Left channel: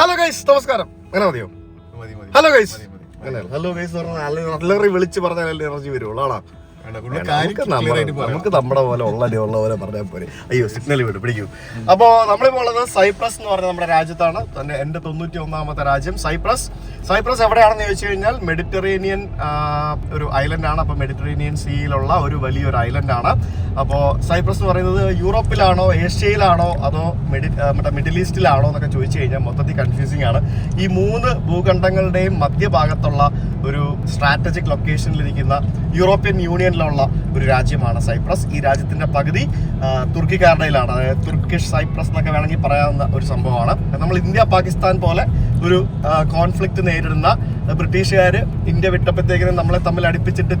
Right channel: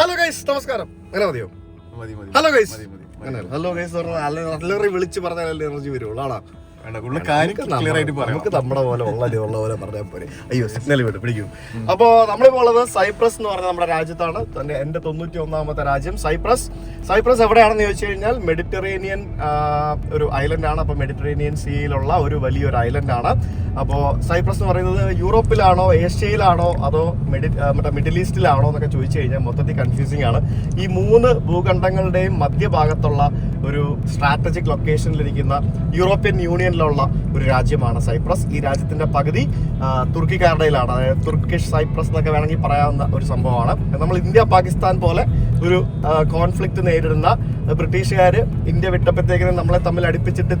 Hello guys, നമസ്കാരം. അങ്ങനെ മതിയോ? ഹലോ ഗൈസ്, അങ്ങനെ ഹലോ ഗൈസ് പറഞ്ഞാൽ നല്ല വിളിച്ച് പറഞ്ഞാൽ എനർജി വരുള്ളൂ. ആണോ? നമുക്ക് നമ്മുടെ പോലെ ഉള്ള പോലെ പറഞ്ഞാൽ പോരെ. അയ്യോ, സിഗ്നൽ വിട്ട് പിടിക്കും. അപ്പോൾ നമ്മളിപ്പോൾ ഉള്ളത് സൈപ്രസ് എന്ന് പറഞ്ഞ നമ്മുടെ രാജ്യത്താണ്. എൻ്റെ 91ാമത്തെ രാജ്യം സൈപ്രസ് എവിടെയാണെന്ന് ചോദിച്ചു കഴിഞ്ഞാൽ മെഡിറ്ററേനിയൻ ഒരു ഐലൻഡാണ്. അപ്പോൾ മെഡിറ്ററേനിയൻ സീയിലുള്ള ഒരു വലിയൊരു ഐലൻഡാണ്. അപ്പോൾ സൈപ്രസ് എന്ന് പറയുന്നത് യൂറോപ്പിലാണോ ഏഷ്യയിലാണോ അതോ മറ്റേ മിഡിൽ ഈസ്റ്റിലാണോ എന്നൊക്കെ ചോദിച്ചു കഴിഞ്ഞാൽ മൊത്തത്തിൽ കൺഫ്യൂസിംഗ് ആണ്. ഈ 3 ഭൂഖണ്ഡങ്ങളുടെയും മധ്യഭാഗത്തുള്ള ഒരു സ്ട്രാറ്റജിക് ലൊക്കേഷനിലിരിക്കുന്ന യൂറോപ്യൻ യൂണിയനിലുള്ള ഒരു രാജ്യമാണ് സൈപ്രസ്. ഈ രാജ്യത്തിന്റെ പകുതി തുർക്കിക്കാരുടെയിലാണ്. അതായത് തുർക്കിഷ് സൈപ്രസ് എന്നൊക്കെ വേണമെങ്കിൽ പറയാവുന്ന ഒരു സംഭവമാണ്. നമ്മൾ ഇന്ത്യ പാകിസ്ഥാൻ പോലെ ഒരു കോൺഫ്ലിക്റ്റ് നേരിടുന്ന ബ്രിട്ടീഷുകാർ ഇന്ത്യ വിട്ടപ്പോഴത്തേക്കിനും നമ്മളെ തമ്മിൽ അടുപ്പിച്ചിട്ട്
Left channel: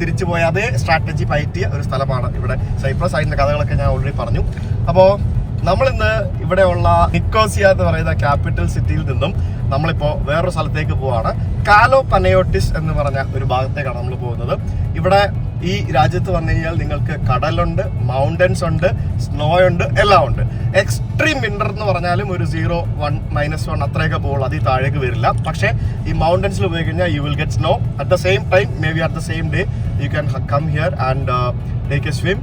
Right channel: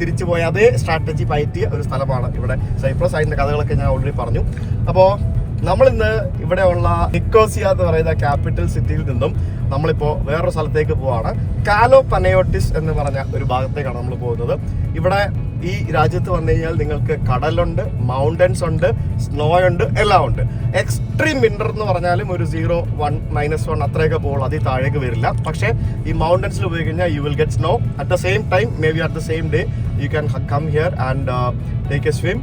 തിരിച്ചു പോയ അതേ സ്ട്രാറ്റജി പയറ്റിയ ഒരു സ്ഥലമാണ് ഇവിടെ സൈപ്രസ്. അതിന്റെ കഥകളൊക്കെ ഞാൻ ഓൾറെഡി പറഞ്ഞു. അപ്പോൾ നമ്മളിന്ന് ഇവിടെയുള്ള നിക്കോസിയ എന്ന് പറയുന്ന ക്യാപിറ്റൽ സിറ്റിയിൽ നിന്നും നമ്മളിപ്പോൾ വേറൊരു സ്ഥലത്തേക്ക് പോവാണ്. കാലോ പനയോട്ടിസ് എന്ന് പറഞ്ഞ ഒരു ഭാഗത്തേക്കാണ് നമ്മൾ പോകുന്നത്. ഇവിടെ ഈ രാജ്യത്ത് വന്നു കഴിഞ്ഞാൽ നിങ്ങൾക്ക് കടലുണ്ട്, മൗണ്ടൻസ് ഉണ്ട്, സ്നോ ഉണ്ട്, എല്ലാം ഉണ്ട്. എക്സ്ട്രീം വിന്റർ എന്ന് പറഞ്ഞാലും ഒരു 0, 1, -1 അത്രയൊക്കെ പോകുള്ളൂ, അതിൽ താഴേക്ക് വരില്ല. പക്ഷേ ഈ മൗണ്ടൻസിൽ പോയി കഴിഞ്ഞാൽ you will get snow at the same time. May be at the same day you can come here and take a swim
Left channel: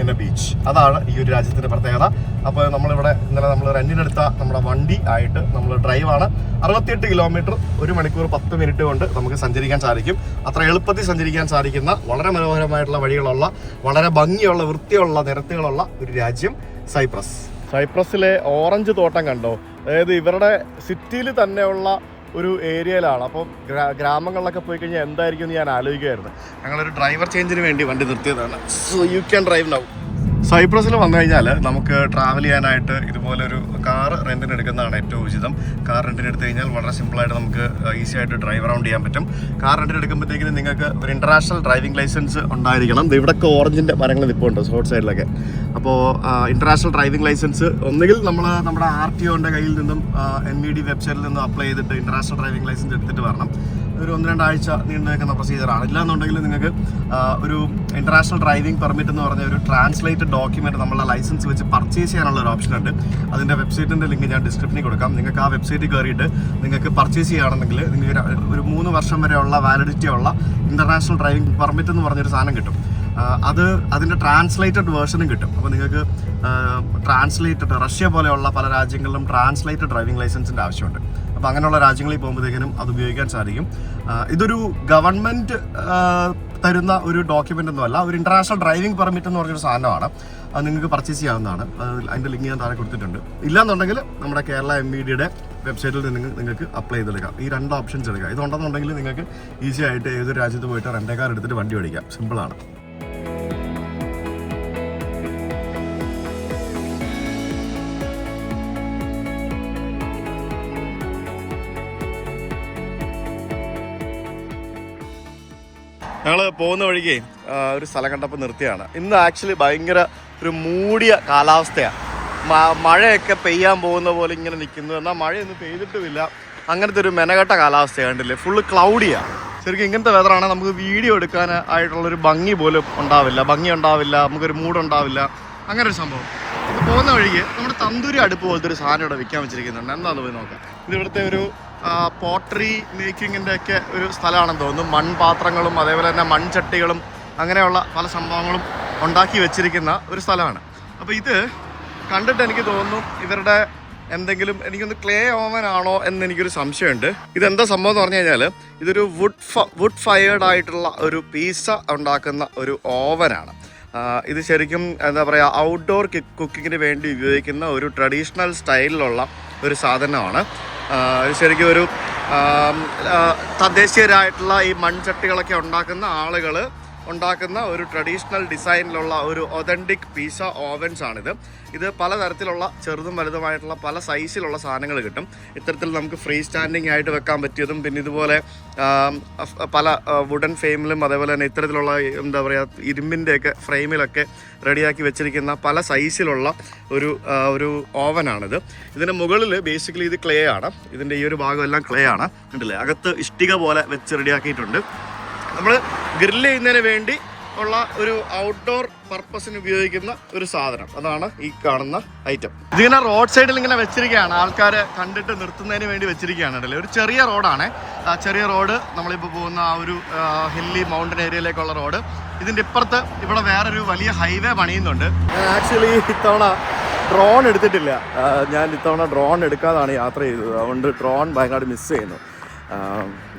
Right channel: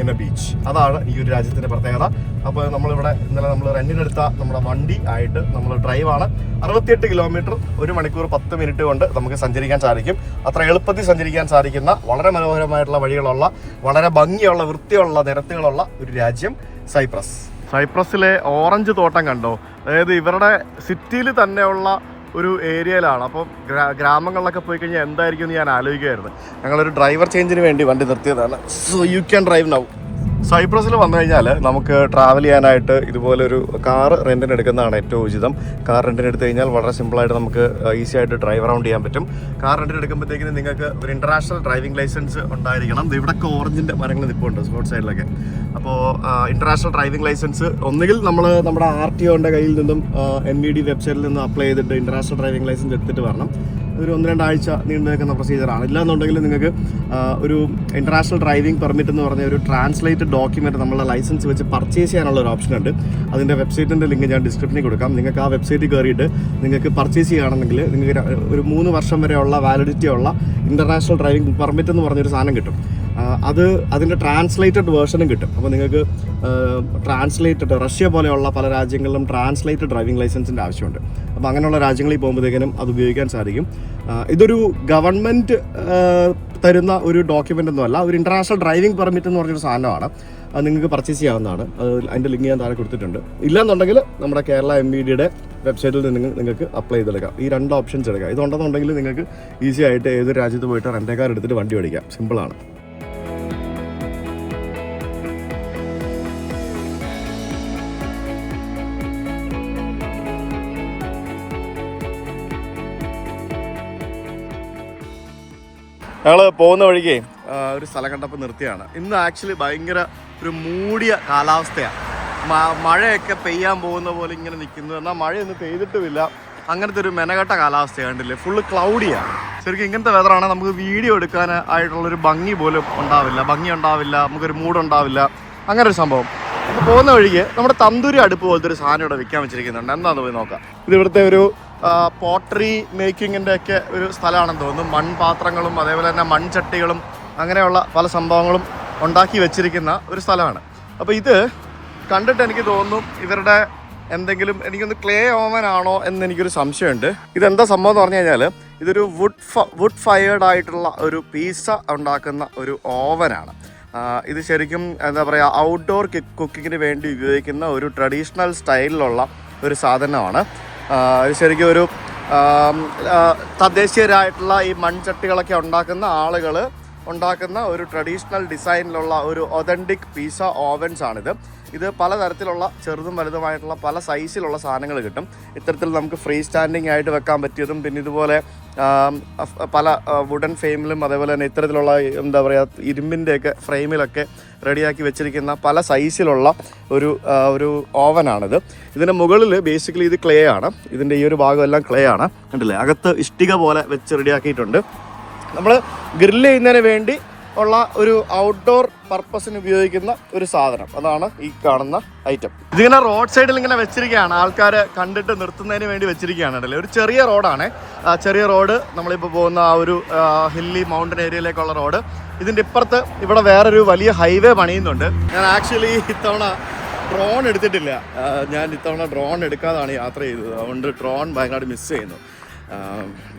in a beach. അതാണ് ഈ ഒരു രാജ്യത്തിന്റെ പ്രത്യേകത. അപ്പോൾ നമ്മളിവിടെ ഇന്നലെ നമ്മൾ റെന്റിനെടുത്ത നമ്മുടെ വണ്ടി ആയിട്ട് നമ്മൾ ഡ്രൈവാണ്. 68 കിലോമീറ്റർ 1 മണിക്കൂർ 10 മിനിറ്റ് കൊണ്ട് നമുക്ക് സഞ്ചരിക്കാൻ സാധിക്കും. അത്ര എളുപ്പത്തിൽ സഞ്ചരിക്കാൻ സാധിക്കുന്ന വളരെ മനോഹരമായിട്ടുള്ള വഴികളുള്ള, വളരെ ഭംഗിയുള്ള, വൃത്തിയുള്ള നിരത്തുകളുള്ള ഒരു രാജ്യം സൈപ്രസ്. സൈപ്രസിലെ ഓറഞ്ച് തോട്ടം കണ്ടോ? അതായത് ഇവരുടെ സിറ്റിയിൽ തന്നെയുള്ള ഒരു ഏരിയയിലാണ്. അപ്പം ഗ്രാമങ്ങളിലൊക്കെ പോയി കഴിഞ്ഞാൽ എന്തായിരിക്കും എന്ന് ഞാൻ ആലോചിക്കുമായിരുന്നു. ഞങ്ങളൊരു ഡ്രൈവർ ചേഞ്ചിന് വേണ്ടി വണ്ടി നിർത്തിയതാണ്. So you can drive now. സൈപ്രസിൽ വന്നു കഴിഞ്ഞാൽ നമുക്ക് ട്രാവൽ ചെയ്യാനായിട്ട് ഇതുപോലൊരു കാർ റെന്റിന് എടുക്കുന്നതാണ് ഏറ്റവും ഉചിതം. കാർ റെന്റിന് എടുത്തു കഴിഞ്ഞാൽ വളരെ സിമ്പിളായിട്ട് നമുക്ക് ഈസി ആയിട്ട് ഡ്രൈവ് അറൗണ്ട് ചെയ്യാൻ പറ്റും. കാർ റെന്റിന് എടുക്കുമ്പോഴത്തേക്കും നിങ്ങൾക്ക് ഒരു ഇന്റർനാഷണൽ ഡ്രൈവിംഗ് ലൈസൻസ് ഉണ്ടായിരിക്കണം. ഇവിടെയൊക്കെ ഓറഞ്ചിൻ്റെ മരങ്ങൾ നിൽപ്പുണ്ട് റോഡ് സൈഡിലൊക്കെ. അപ്പോൾ ഇന്റർനാഷണൽ ഡ്രൈവിംഗ് ലൈസൻസ് ഒന്നുകിൽ നമ്മുടെ RTOന്റെ കയ്യിൽ നിന്നും NVD വെബ്സൈറ്റിൽ നിന്നും അപ്ലൈ ചെയ്തിട്ട് ഇന്റർനാഷണൽ ഡ്രൈവിംഗ് ലൈസൻസ് എടുത്തിട്ട് വരണം. ഒരു 1-2 ആഴ്ച നീണ്ടു നിൽക്കുന്ന പ്രൊസീജിയറാണ്. ഇല്ലാന്നുണ്ടെങ്കിൽ നിങ്ങൾക്ക് ഒരു ഇന്റർനാഷണൽ ഡ്രൈവിംഗ് പെർമിറ്റ് എന്ന് പറഞ്ഞ ഒരു ട്രാൻസ്ലേറ്റഡ് ഡോക്യുമെന്റ് നമ്മളുടെ ലൈസൻസ് വെച്ച് പർച്ചേസ് ചെയ്യാനുള്ള ഒരു ഓപ്ഷൻ ഉണ്ട്. അതിൻ്റെ വെബ്സൈറ്റിൻ്റെ ലിങ്ക് ഞാൻ ഡിസ്ക്രിപ്ഷനിൽ കൊടുക്കാം. നിങ്ങൾക്ക് ആ വെബ്സൈറ്റിൽ കയറിയിട്ട് നിങ്ങൾക്ക് പർച്ചേസ് ചെയ്യുകയാണെങ്കിൽ നിങ്ങൾക്ക് ഒരു 3 വർഷം വരെയുള്ള വാലിഡിറ്റി ഉള്ള ഇന്റർനാഷണൽ ഡ്രൈവിംഗ് പെർമിറ്റ് എന്ന് പറഞ്ഞൊരു സാധനം കിട്ടും. അതിൻ്റെ ട്രാൻസ്ലേറ്റഡ് വേർഷനും കിട്ടും. അപ്പോൾ നിങ്ങൾക്ക് ട്രാൻസ്ലേറ്റഡ്, റഷ്യ പോലെയുള്ള പല രാജ്യങ്ങളിലും ട്രാൻസ്ലേറ്റഡ് ഡ്രൈവിംഗ് ലൈസൻസിൻ്റെ ആവശ്യമുണ്ട്. അപ്പോൾ അങ്ങനെയുള്ള രാജ്യങ്ങളിൽ പോകുമ്പോഴത്തേക്കും അത് ഉപയോഗിക്കാൻ സാധിക്കും. ഇതൊരു ഗവൺമെൻറ് തരുന്ന ഒരു ഡോക്യുമെൻ്റ് ഒന്നും അല്ല, ഒരു ഇന്റർനാഷണൽ ഡ്രൈവിംഗ് പെർമിറ്റ് എന്ന് പറഞ്ഞൊരു സാധനമാണ്. അത് നിങ്ങൾക്ക് പർച്ചേസ് ചെയ്യാവുന്നതാണ്. അതിൻ്റെ ലിങ്ക് ഞാൻ താഴെ കൊടുത്തിട്ടുണ്ട്. ഇല്ലാന്നുണ്ടെങ്കിൽ നമ്മുടെ കേരള MVDയുടെ വെബ്സൈറ്റിൽ നിന്ന് നിങ്ങൾക്ക് അപ്ലൈ ചെയ്തെടുക്കാം. ഈ 2 ഓപ്ഷൻസ് എടുക്കാം. ഇതുണ്ടെന്നുണ്ടെങ്കിൽ നിങ്ങൾക്ക് ഈസി ആയിട്ട് ഏതൊരു രാജ്യത്ത് പോയിട്ട് റെൻ്റ് കാർ എടുത്തിട്ട് വണ്ടി ഓടിക്കാം. സിമ്പിളാണ്. ഞങ്ങൾ പോകുന്ന വഴിക്ക് ഒരു സ്ഥലം കണ്ടപ്പോൾ നിർത്തിയാണ്. ഇന്ന് ആക്ച്വലി ഭയങ്കര ഒരു മൂടിയ കാലാവസ്ഥയാണ്. മഴയൊക്കെ പെയ്യാൻ പോകുന്ന പോലെ ഇങ്ങനെ നിൽക്കുന്നു. എന്നാൽ മഴയൊന്നും പെയ്തിട്ടുമില്ല. അങ്ങനത്തെ ഒരു മെനകെട്ട കാലാവസ്ഥയാണ്. കണ്ടില്ലേ, ഫുള്ള് ക്ലൗഡിയാണ്. ശരിക്കും ഇങ്ങനത്തെ വെതറാണെങ്കിൽ നമുക്ക് വീഡിയോ എടുക്കാൻ ആയിട്ടുള്ളൊരു ഭംഗി പോലും ഉണ്ടാവില്ല, നമുക്കൊരു മൂഡുണ്ടാവില്ല. അങ്ങനെ ഒരു സംഭവം. അപ്പോൾ പോകുന്ന വഴിക്ക് നമ്മുടെ തന്തൂരി അടുപ്പ് പോലത്തെ ഒരു സാധനം ഇവിടെ വിൽക്കാൻ വെച്ചിരിക്കുന്നുണ്ട്. എന്താണെന്ന് പോയി നോക്കാം. ഇത് ഇവിടുത്തെ ഒരു പോട്ടറി മേക്കിങ്ങിൻ്റെ ഒക്കെ ഒരു സ്ഥലമാണെന്ന് തോന്നുന്നു. മൺപാത്രങ്ങളും അതേപോലെ തന്നെ മൺചട്ടികളും അങ്ങനെയുള്ള പല സംഭവങ്ങളും ഉണ്ടാക്കി വെച്ചിരിക്കുന്ന ഒരു സ്ഥലമാണ്. അപ്പോൾ ഇത് കണ്ടിട്ട് എനിക്ക് തോന്നുന്നു ഇവരുടെ എന്തെങ്കിലും, എനിക്കൊന്ന് ക്ലേ ഓവൻ ആണോ എന്ന് എനിക്കൊരു സംശയമുണ്ട്. ഇതെന്താ സംഭവം എന്ന് പറഞ്ഞു കഴിഞ്ഞാൽ ഇതൊരു വുഡ് ഫയർഡ് ആയിട്ടുള്ള ഒരു പീസ ഉണ്ടാക്കുന്ന ഒരു ഓവനാണ്. ഇത് ശരിക്കും എന്താ പറയുക, ഔട്ട്ഡോർ കുക്കിങ്ങിന് വേണ്ടി ഉപയോഗിക്കുന്ന ഒരു ട്രഡീഷണൽ സ്റ്റൈലിലുള്ള ഒരു സാധനമാണ്. ശരിക്കും ഒരു തദ്ദേശീയരായിട്ടുള്ള ഈ മൺചട്ടികളൊക്കെ ഉണ്ടാക്കുന്ന ആളുകൾ ഉണ്ടാക്കുന്ന ഒരു ട്രഡീഷണൽ ഡിസൈനിലുള്ള ഒരു ഒതൻറ്റിക് പീസ ഓവൻസ് ആണിത്. ഇത് പലതരത്തിലുള്ള ചെറുതും വലുതുമായിട്ടുള്ള പല സൈസിലുള്ള സാധനങ്ങൾ കിട്ടും. ഇത്തരത്തിൽ നമുക്ക് ഫ്രീ സ്റ്റാൻഡിങ് ആയിട്ട് വെക്കാൻ പറ്റിയതും, പിന്നെ ഇതുപോലെ പല വുഡൻ ഫ്രെയിമിലും അതേപോലെ തന്നെ ഇത്തരത്തിലുള്ള എന്താ പറയുക ഇരുമ്പിൻ്റെയൊക്കെ ഫ്രെയിമിലൊക്കെ റെഡിയാക്കി വെച്ചിരിക്കുന്ന പല സൈസിലുള്ള ഒരു ഓവനാണിത്. ഇതിൻ്റെ മുകളിൽ ബേസിക്കലി ഇത് ക്ലേ ആണ്. ഇതിൻ്റെ ഈ ഒരു ഭാഗം എല്ലാം ക്ലേ ആണ്. കണ്ടില്ലേ, അകത്ത് ഇഷ്ടിക പോലെ വെച്ച് റെഡിയാക്കിയിട്ടുണ്ട്. നമ്മൾ ഗ്രില്ല് ചെയ്യുന്നതിന് വേണ്ടി ഉള്ള ഒരു ഔട്ട്ഡോർ പർപ്പസിന് ഉപയോഗിക്കുന്ന ഒരു സാധനം. അതാണ് ഈ കാണുന്ന ഐറ്റം. ഇതിങ്ങനെ റോഡ് സൈഡിൽ ഇങ്ങനെ വെച്ചിരിക്കുകയാണ്, ആൾക്കാർ കണ്ടിട്ട് നിർത്തുന്നതിന് വേണ്ടി വെച്ചിരിക്കുകയാണ്. അല്ലേ, ഒരു ചെറിയ റോഡാണ്. ചെറിയ റോഡ് നമ്മളിപ്പോൾ പോകുന്ന ആ ഒരു ഹില്ലി മൗണ്ടൻ ഏരിയയിലേക്കുള്ള റോഡ്. ഇതിൻ്റെ ഇപ്പുറത്ത് ഇവിടെ വേറൊരു വലിയ ഹൈവേ പണിയുന്നുണ്ട്. ഞാൻ ആക്ച്വലി ഇത്തവണ ഡ്രോൺ എടുത്തിട്ടില്ല. ഞാൻ ഇത്തവണ ഡ്രോൺ എടുക്കാതാണ് യാത്ര ചെയ്തത്. അതുകൊണ്ട് ഡ്രോൺ ഭയങ്കരമായിട്ട് മിസ് ചെയ്യുന്നു.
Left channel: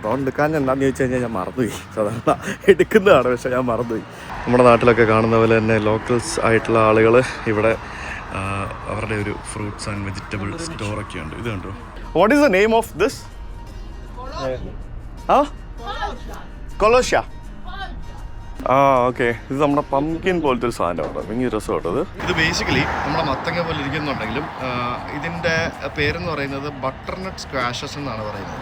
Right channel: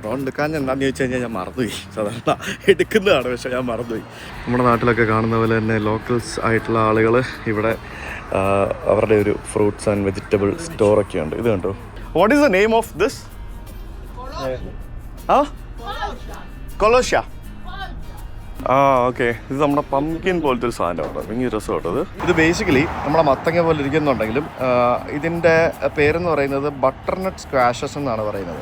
ഡ്രോൺ എടുക്കാൻ എന്താണെന്ന് ചോദിച്ചു കഴിഞ്ഞാൽ ഞാൻ മറന്നുപോയി. സാധാരണ എടുക്കുന്നതാണ്, പക്ഷേ ഞാൻ മറന്നുപോയി. നമ്മുടെ നാട്ടിലൊക്കെ കാണുന്ന പോലെ തന്നെ ലോക്കൽസ് ആയിട്ടുള്ള ആളുകൾ ഇവിടെ അവരുടെ ഒരു ഫ്രൂട്ട്സ് ആൻഡ് വെജിറ്റബിൾ സ്റ്റോറൊക്കെ ഉണ്ട്. ഇത് കണ്ടോ, what is the name of this? കൊലോഷ്യ. ഓക്കെ, ഇത് നമ്മുടെ പംകിൻ പോലത്തെ ഒരു സാധനം കേട്ടോ, ഭയങ്കര രസമായിട്ടത്. ഇത് ബേസിക്കലി നമ്മുടെ മത്തങ്ങ പോലെ ഇരിക്കുന്നുണ്ടെങ്കിലും ഇതിൻ്റെ പേരെന്ന് പറയുന്നത് ബട്ടർനട്ട് സ്ക്വാഷസ് എന്നാണ് പറയുന്നത്.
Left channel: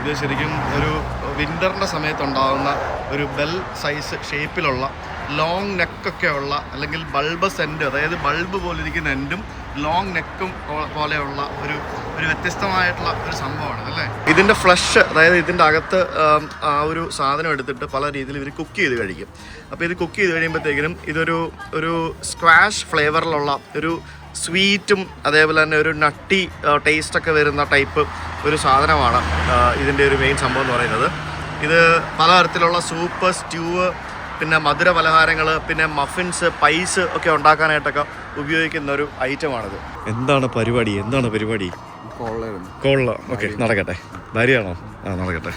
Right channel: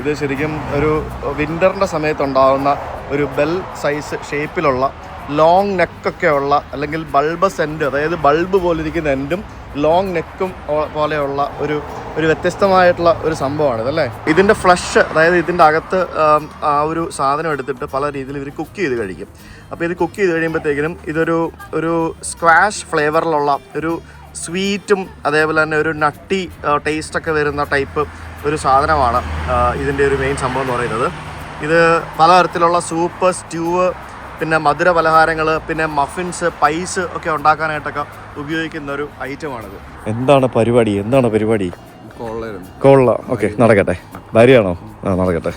ഇത് ശരിക്കും ഒരു വിൻ്ററിൻ്റെ സമയത്തുണ്ടാകുന്ന ഒരു ബെൽ സൈസ് ഷേപ്പിലുള്ള ലോങ് നെക്കൊക്കെ ഉള്ള, അല്ലെങ്കിൽ ബൾബസ് എൻഡ്, അതായത് ബൾബ് പോലെ ഇരിക്കുന്ന എൻഡും ലോങ് നെക്കും പോലെയുള്ള ഒരു വ്യത്യസ്തമായിട്ടുള്ള ഒരു സംഭവമാണിത് അല്ലേ. ഇതിൻ്റെ ഫ്ലഷ്, അതായത് ഇതിൻ്റെ അകത്ത് ആ ഒരു സാധനം എടുത്തിട്ട് പല രീതിയിൽ ഇവർ കുക്ക് ചെയ്ത് കഴിക്കും. അപ്പോൾ ഇത് കുക്ക് ചെയ്ത് കഴിയുമ്പോഴത്തേക്കിനും ഇതൊരു സ്ക്വാഷ് ഫ്ലേവറിലുള്ള ഒരു സ്വീറ്റും അതേപോലെ തന്നെ ഒരു നട്ടി ടേസ്റ്റൊക്കെ വരുന്ന ടൈപ്പ് ഒരു സാധനമാണ് ഇതിൻ്റെ ഒരു മെയിൻ സംഭവം എന്ന് പറയുന്നത്. ഇത് പലതരത്തിലുള്ള സൂപ്പ്, സ്റ്റ്യൂവ്, പിന്നെ മധുര പലഹാരങ്ങൾ, പിന്നെ മഫിൻസ്, പൈസ് ഒക്കെ ഉണ്ടാക്കാനായിട്ടൊക്കെ ഉപയോഗിക്കുന്ന ഒരു ഐറ്റമാണിത്. എന്താണ് പരിപാടി? കോള. ഓക്കെ, നടക്കട്ടെ. ഭാര്യയാണോ? നടക്കട്ടെ.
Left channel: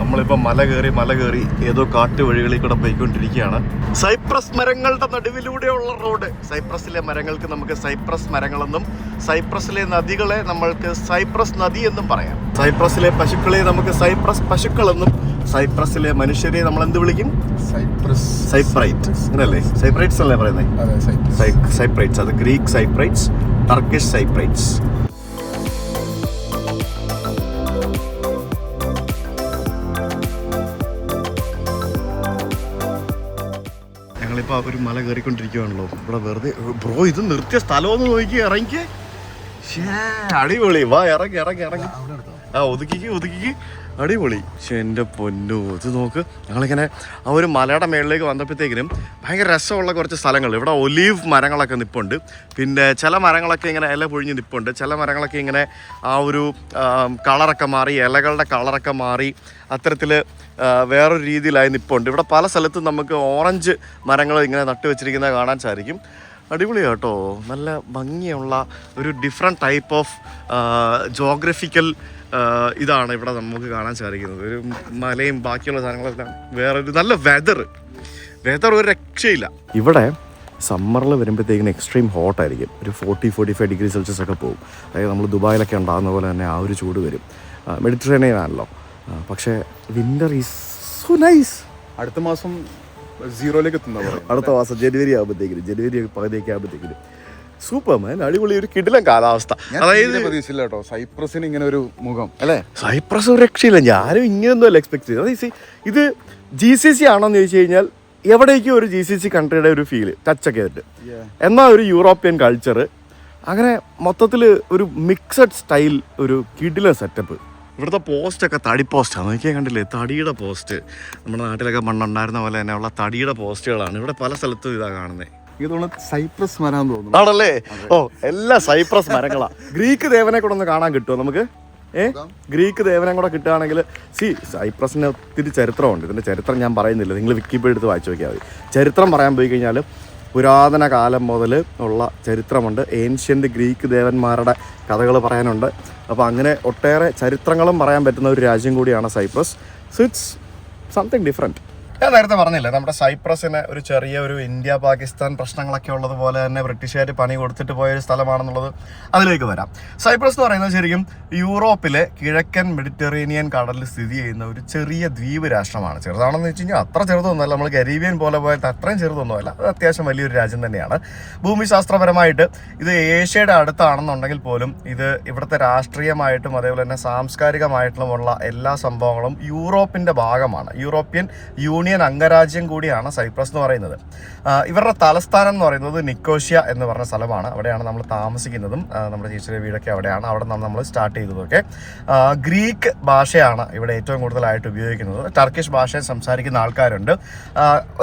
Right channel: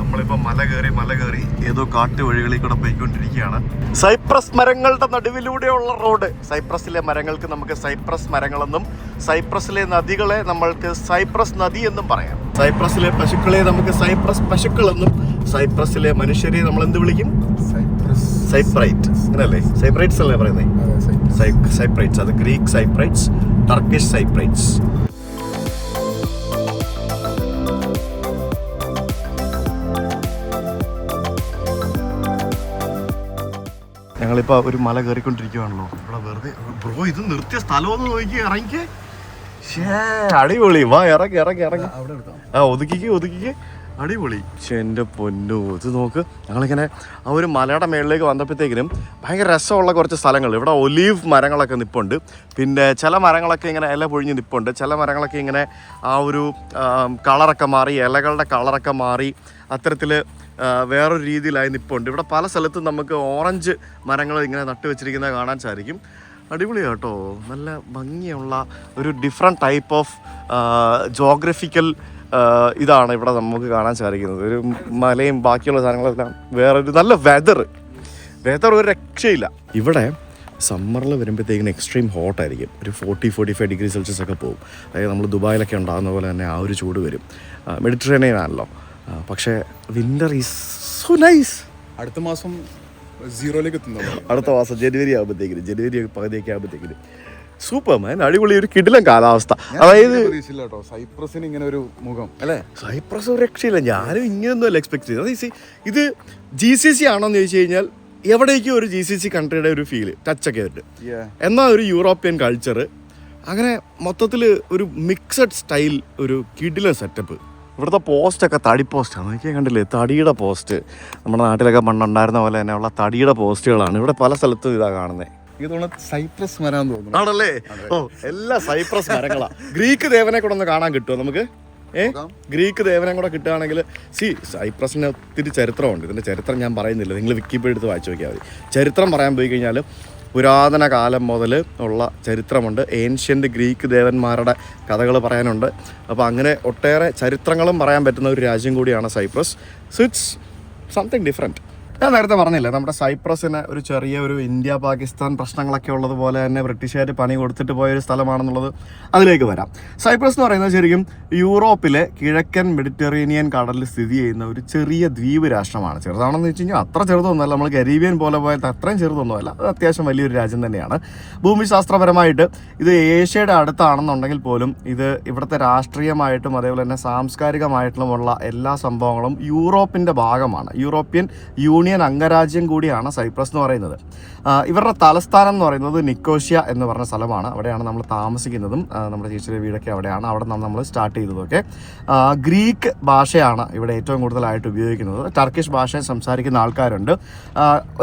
നമ്മളിപ്പോൾ മല കയറി ഏതോ കാട്ടുവഴികളിൽ കൂടെ പോയിക്കൊണ്ടിരിക്കുകയാണ്. സൈപ്രസ് മരങ്ങളുടെ നടുവിലൂടെയുള്ള റോഡ്. സൈപ്രസിലെ മരങ്ങൾക്ക് നമുക്ക് സൈപ്രസ് മരങ്ങളെന്നും സൈപ്രസിലെ നദികളെ നമ്മൾക്ക് സൈപ്രസ് നദി എന്നും പറയാം. സൈപ്രസിലെ പശുക്കളെ നമുക്ക് സൈപ്രസ് പശുക്കളെന്നും സൈപ്രസിലെ മനുഷ്യരെ നമ്മൾ എന്ത് വിളിക്കും? സൈപ്രൈറ്റ്. അങ്ങനല്ലേ? സൈപ്രൈറ്റ്സ് അല്ലേ പറയുന്നത്? സൈപ്രൈറ്റ്സ്. അത് ഗ്രീക്ക് സൈപ്രൈറ്റ്സ്, ടർക്കിഷ് സൈപ്രൈറ്റ്സ്. ഞങ്ങളിപ്പോൾ ഒരു മല കയറിക്കൊണ്ടിരിക്കുകയാണല്ലോ. ഇവിടെ വെറുതെ ബ്രോ, ഇത് നിർത്തിയ സ്ഥലമൊന്ന് നോക്കി ഇറങ്ങി. അടിപൊളി. വാ, ഇറങ്ങി. ഒതുക്കിക്ക് അടിപൊളി. എൻ്റെ പൊന്നു, ഇത് നോക്ക്. ഞങ്ങളിങ്ങനെ ആ ഒരു മലയുടെ മേളിലേക്ക് വന്നപ്പോഴത്തേക്കിനും ഭയങ്കര രസമുള്ള കുറച്ച് സ്ഥലങ്ങൾ. ഇവിടെ ഒലീവ് മരങ്ങളൊക്കെ നിൽപ്പുണ്ട്. പിന്നെ ചില മരങ്ങളൊക്കെ ഇങ്ങനെ ഇല പൊഴിഞ്ഞ് നിൽപ്പുണ്ട്. ചില മരങ്ങളൊക്കെ ഇങ്ങനെ ആ ഒരു കളറൊക്കെ മാറി, ഇലകളുടെ കളറൊക്കെ മാറി അത്തരത്തിൽ വേറൊരു രീതിയിലായി നിൽപ്പുണ്ട്. ഇവിടെ പല സ്ഥലത്തും നമുക്ക് ഓറഞ്ച് മരങ്ങൾ ഇങ്ങനെ നട്ടു വെച്ചിരിക്കുന്നത് കാണാൻ സാധിക്കും. അടിപൊളിയാണ് കേട്ടോ. നല്ല ഭംഗിയുള്ള ഒരു ഡിഫറെൻറ്റ് ടൈപ്പ് ഓഫ് ജോഗ്രഫിക്കൽ ഇതാണ് ഇവിടെ നമുക്ക് കാണാൻ സാധിക്കുന്നത്. ഒരു മലയും ബാക്കിയുള്ള സാധനങ്ങളെല്ലാം വേറൊരു നല്ല വെതർ ഒരു രക്ഷയില്ല. ഇവിടെ സമ്മറിൽ വരുമ്പോഴത്തേക്കിന് എക്സ്ട്രീം ഹോട്ടായിരിക്കും. ഒരു 40-45 ഡിഗ്രി സെൽഷ്യസ് ഒക്കെ പോകും. അതായത് നമ്മൾ ദുബായിലൊക്കെ ഉണ്ടാകുന്ന പോലെ തന്നെ ആ ഒരു ചൂട് വരും. മെഡിറ്ററേനിയൻ ആണല്ലോ. പക്ഷേ വിൻ്റർ ഈസ് സോ നൈസ്. അടുത്ത മാസം 0-ലേക്ക് എത്തുന്നത്. അടുത്ത മാസം ജനുവരി പകുതിയൊക്കെ ആകുമ്പോഴത്തേക്കിന് സൂപ്പർ മാൻ. അടിപൊളി ഒരു കിടിലൻ കാലാവസ്ഥ. അതായത് പ്രതീക്ഷിച്ചില്ല കേട്ടോ സൈപ്രസിന് ഇങ്ങനെ ഒരു മുഖം അല്ലേ. സൈപ്രസ് ഒരു രക്ഷയില്ല. ഞാനും ഇങ്ങനെയൊന്നും അല്ല എക്സ്പെക്ട് ചെയ്തത്. അതായത് ഇത് GCC ആണോന്ന് ചോദിച്ചു കഴിഞ്ഞാൽ എവിടേക്കും ഒരു GCC കൺട്രിയുടെ ഒരു ഫീല് ടച്ചൊക്കെ ആയിട്ട്, എന്നാൽ ഒരു യൂറോപ്യൻ കൾച്ചർ, അങ്ങനെ മൊത്തത്തിൽ ഒരു മിക്സഡ് സ്റ്റൈൽ, ഒരു കിടിലൻ സെറ്റപ്പ്. ഇവിടുത്തെ പോസ്റ്റൊക്കെ തടി പോസ്റ്റാണ്. നോക്കിയാൽ കണ്ടില്ലേ, തടിയുടെ പോസ്റ്റ്. നമ്മുടെ നാട്ടിലൊക്കെ മണ്ണുണ്ടായിരുന്ന പോലെ തന്നെ ഉള്ള തടിയുടെ പോസ്റ്റുകളാണ് ഇവിടെ പല സ്ഥലത്തും ഇതാ കാണുന്നത്. സൈപ്രസ് മരം തോന്നുന്നു. ആണല്ലേ? എല്ലാം സൈപ്രസ് മരങ്ങളാ. ഗ്രീക്ക് ദേവനെ കൂടെ ഒന്ന് കാണാൻ കിട്ടുമോ നമുക്ക്? ഗ്രീക്ക് ദേവനെ കൂടെ കിട്ടുകയാണെങ്കിൽ സൈപ്രസിന് ഒത്തിരി ചരിത്രമുണ്ട്. ഇതിൻ്റെ ചരിത്രം ഞാൻ പറയുന്നില്ല, നിങ്ങൾ വിക്കിപീഡിയ എടുത്ത് വായിച്ചു നോക്കിയാൽ മതി. ചരിത്രം പറയാൻ പോയി കഴിഞ്ഞാൽ പുരാതന കാലം മുതൽ ഉള്ള ചരിത്രമുണ്ട്. ഏൻഷ്യൻ്റ് ഗ്രീക്ക് ദേവന്മാരുടെ കഥകൾ പറയാനുണ്ട്. അപ്പോൾ അങ്ങനെ ഒട്ടേറെ ചരിത്രങ്ങളും പറയാൻ പറ്റുന്ന ഒരു രാജ്യം കൂടിയാണ് Cyprus. So it's something different. ഞാൻ നേരത്തെ പറഞ്ഞില്ലേ, നമ്മുടെ സൈപ്രസിന് ഒരു ചെറിയ ഒരു ഇന്ത്യ പാകിസ്ഥാൻ പ്രശ്നങ്ങളൊക്കെ ഉള്ളതുപോലെ തന്നെ ബ്രിട്ടീഷുകാർ പണി കൊടുത്തിട്ട് പോയൊരു സ്ഥലമാണെന്നുള്ളത് അതിലേക്ക് വരാം. സൈപ്രസ് എന്ന് പറയുന്നത് ശരിക്കും യൂറോപ്പിലെ കിഴക്കൻ മെഡിറ്ററേനിയൻ കടലിൽ സ്ഥിതി ചെയ്യുന്ന ഒരു ചെറിയ ദ്വീപ് രാഷ്ട്രമാണ്. ചെറുതാണെന്ന് വെച്ച് കഴിഞ്ഞാൽ അത്ര ചെറുതൊന്നുമല്ല, നമ്മൾ കരീബിയൻ പോലെ പോയത് അത്രയും ചെറുതൊന്നുമല്ല, അത് അത്യാവശ്യം വലിയൊരു രാജ്യം തന്നെയാണ്. ഭൂമിശാസ്ത്രപരമായിട്ട് ഇത് ഏഷ്യയുടെ അടുത്താണെന്നുണ്ടെങ്കിൽ പോലും ഇത് ഇവിടുത്തെ രാഷ്ട്രീയമായിട്ടും അതേപോലെ തന്നെ സാംസ്കാരികമായിട്ടുമുള്ള എല്ലാ സംഭവങ്ങളും യൂറോപ്പിൻ്റെ ഭാഗമാണ്. യൂറോപ്യൻ യൂണിയൻ അംഗരാജ്യം കൂടിയാണ് സൈപ്രസ് എന്ന് പറയുന്നത്. ഇവരുടെ തലസ്ഥാനം എന്ന് പറയുന്നത് നിക്കോഷ്യ എന്ന് പറഞ്ഞ സ്ഥലമാണ്. അവിടെയാണ് നമ്മൾ താമസിക്കുന്നതും നമ്മുടെ ചേച്ചിയുടെ വീടൊക്കെ അവിടെയാണ്. അവിടെ നിന്നാണ് നമ്മൾ സ്റ്റാർട്ട് ചെയ്തതൊക്കെ. ഗ്രീക്ക് ഭാഷയാണ് ഇവിടെ ഏറ്റവും കൂടുതലായിട്ട് ഉപയോഗിക്കുന്നത്. ടർക്കിഷ് ഭാഷ സംസാരിക്കുന്ന ആൾക്കാരുണ്ട്.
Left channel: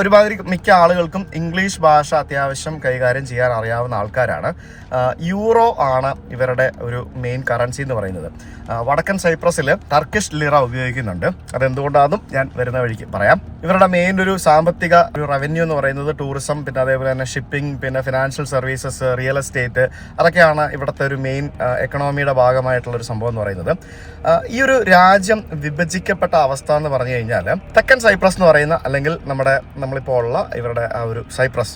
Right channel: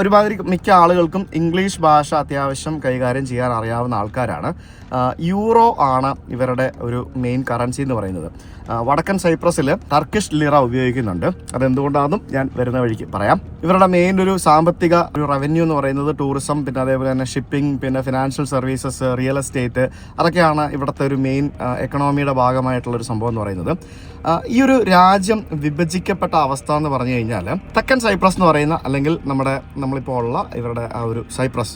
ഒരുമാതിരി മിക്ക ആളുകൾക്കും ഇംഗ്ലീഷ് ഭാഷ അത്യാവശ്യം കൈകാര്യം ചെയ്യാൻ അറിയാവുന്ന ആൾക്കാരാണ്. യൂറോ ആണ് ഇവരുടെ ഒരു മെയിൻ കറൻസി എന്ന് പറയുന്നത്. വടക്കൻ സൈപ്രസിൽ ടർക്കിഷ് ലിറ ഉപയോഗിക്കുന്നുണ്ട്. അതെന്തുകൊണ്ടാണെന്നും ഞാൻ വരുന്ന വഴിക്ക് പറയാം. ഇവരുടെ മെയിൻ ഒരു സാമ്പത്തിക ഒരു റവന്യൂ എന്ന് പറയുന്നത് ടൂറിസം, പിന്നെ അതേപോലെ തന്നെ ഷിപ്പിംഗ്, പിന്നെ ഫിനാൻഷ്യൽ സർവീസസ്, റിയൽ എസ്റ്റേറ്റ്, അതൊക്കെയാണ് ഇവിടുത്തെ ഒരു മെയിൻ എക്കണോമിയുടെ ഭാഗമായിട്ടുള്ളൊരു സംഭവം എന്ന് പറയുന്നത്. ഈ ഒരു രാജ്യം വിഭജിക്കപ്പെട്ട അവസ്ഥ എന്ന് പറഞ്ഞു കഴിഞ്ഞാൽ തെക്കൻ സൈപ്രസ് എന്ന് പറയുന്ന, അല്ലെങ്കിൽ നമ്മളിപ്പോൾ ഉള്ള ഇവരുടെ ആ ഒരു സൈപ്രസ്,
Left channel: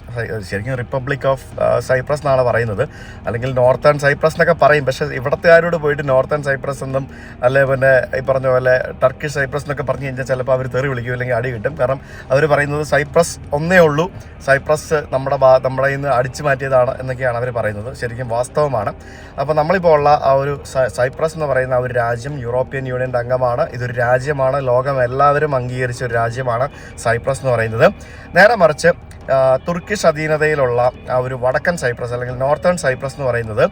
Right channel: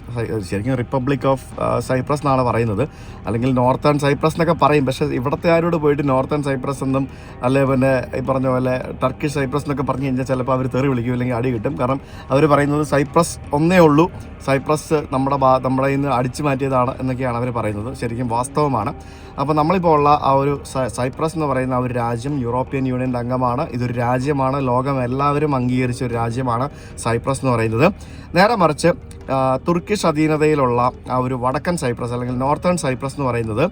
ശരിക്കും റിപ്പബ്ലിക് ഓഫ് സൈപ്രസ് എന്നാണ് പറയുന്നത്, അല്ലെങ്കിൽ നോർത്തേൺ സൈപ്രസ് എന്നൊക്കെ പറയും. പക്ഷേ ഇവിടത്തുകാരോട് പോയിട്ട് നോർത്തേൺ സൈപ്രസ് എന്നും അല്ലെ പിന്നെ ഈ പറഞ്ഞ പോലെ ടർക്കിഷ് സൈപ്രസ് എന്നൊക്കെ പറഞ്ഞു കഴിഞ്ഞാൽ ചിലപ്പോൾ അവർ തെറി വിളിക്കും, അല്ലെങ്കിൽ അടി കിട്ടും. കാരണം അവർ പറയുന്നത് സൈപ്രസ് ഒന്നേ ഉള്ളൂ, സൈപ്രസ് നമ്മുടെ ഇന്ന് അടിച്ചു മാറ്റിയതാണ് എന്നൊക്കെയാണ് അവർ പറയുന്നത്. ശരിക്കും വാസ്തവമാണ്. അപ്പോൾ നമ്മളിപ്പോൾ ഉള്ള ആ ഒരു സൈപ്രസ് എന്ന് പറയുന്ന ആ ഒരു രാജ്യം യൂറോപ്യൻ യൂണിയൻ്റെ അംഗമാണ്. ഇതൊരു രാജ്യമാണ്, ലോകം എല്ലാവരും അംഗീകരിച്ച ഒരു രാജ്യമാണ് സൈപ്രസ് എന്ന് പറയുന്നത്. നേരെ മറിച്ച് തുർക്കിഷ് അധീനതയിലുള്ള ആ ഒരു വടക്കൻ സൈപ്രസ് അല്ലെങ്കിൽ നോർത്തേൺ സൈപ്രസ് എന്ന് പറയുന്നത്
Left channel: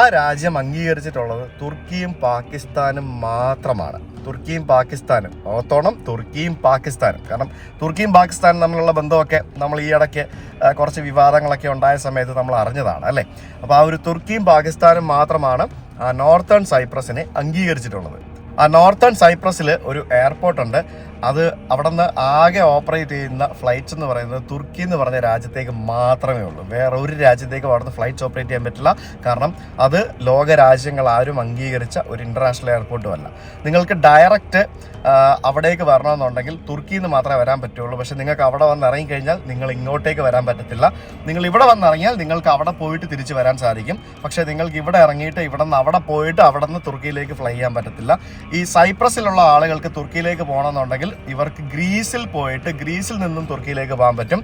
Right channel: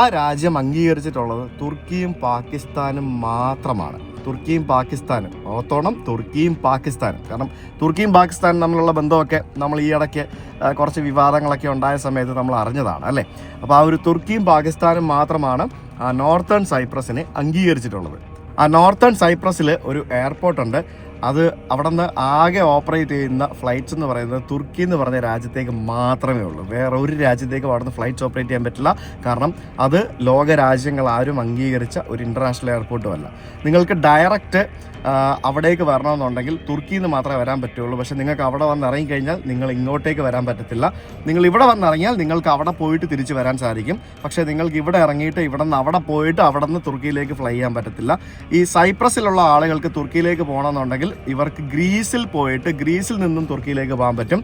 ആ രാജ്യം അംഗീകരിച്ചിട്ടുള്ളത് തുർക്കിയും പാകിസ്ഥാനും മാത്രമാണ്. തുർക്കിയും പാകിസ്ഥാനും ഓർത്തോണം, തുർക്കിയും പാകിസ്ഥാനും. കാരണം തുർക്കിയും പാകിസ്ഥാനും തമ്മിലുള്ള ബന്ധമൊക്കെ നമ്മൾ ഈ ഇടയ്ക്ക് കുറച്ച് വിവാദങ്ങളൊക്കെ ഉണ്ടായ സമയത്ത് നമ്മൾ അറിഞ്ഞതാണ് അല്ലേ. അപ്പോൾ ആ ഒരു തുർക്കിയും പാകിസ്ഥാനും മാത്രമാണ് ആ നോർത്തേൺ സൈപ്രസിനെ അംഗീകരിച്ചിട്ടുള്ളത്. ആ നോർത്തേൺ സൈപ്രസിൽ ഒരു എയർപോർട്ടുണ്ട്. അത് അവിടെ നിന്ന് ആകെ ഓപ്പറേറ്റ് ചെയ്യുന്ന ഫ്ലൈറ്റ്സ് എന്ന് പറയുന്നത് തുർക്കി എന്ന് പറഞ്ഞ രാജ്യത്തേക്ക് മാത്രമേ ഉള്ളൂ. വേറെ ഒരു രാജ്യത്തേക്കും അവിടെ നിന്ന് ഫ്ലൈറ്റ്സ് ഓപ്പറേറ്റ് ചെയ്യാൻ പറ്റില്ല. കാരണം അത് ലോക രാജ്യങ്ങൾ ആരും അംഗീകരിച്ച ഒരു ഇൻ്റർനാഷണൽ എയർപോർട്ടും അല്ല. നിങ്ങൾക്ക് ഡയറക്റ്റ് അവിടേക്ക് വരണമെന്നുണ്ടെങ്കിൽ തുർക്കിയിൽ നിന്ന് മാത്രമേ വരാൻ പറ്റുള്ളൂ. പക്ഷേ നിങ്ങൾക്ക് അവിടെ വന്ന് ഇറങ്ങിക്കഴിഞ്ഞാൽ നിങ്ങൾ ഇങ്ങോട്ടേക്ക് വരാൻ പറ്റത്തില്ല. നിങ്ങൾ ഇവിടെ വന്നിറങ്ങിയാൽ നിങ്ങൾക്ക് അവിടെ പോയിട്ട് തിരിച്ച് വരാൻ സാധിക്കും. പക്ഷേ നിങ്ങൾക്ക് ഇവിടെ ഇറങ്ങിയിട്ട് ഇവിടെ നിന്ന് അവിടെ പോയിട്ട് അവിടെ നിന്ന് തുർക്കിയിലേക്ക് ഫ്ലൈ ചെയ്യാൻ പറ്റത്തില്ല. ഈ സൈപ്രസിലുള്ള ആളുകൾക്ക് തുർക്കിയിലേക്ക് പോകണമെന്നുണ്ടെങ്കിൽ ഇവർക്ക് ഗ്രീസിൽ പോയിട്ട് ഗ്രീസിൽ നിന്നും തുർക്കിയിലേക്ക് പോകാൻ പറ്റും.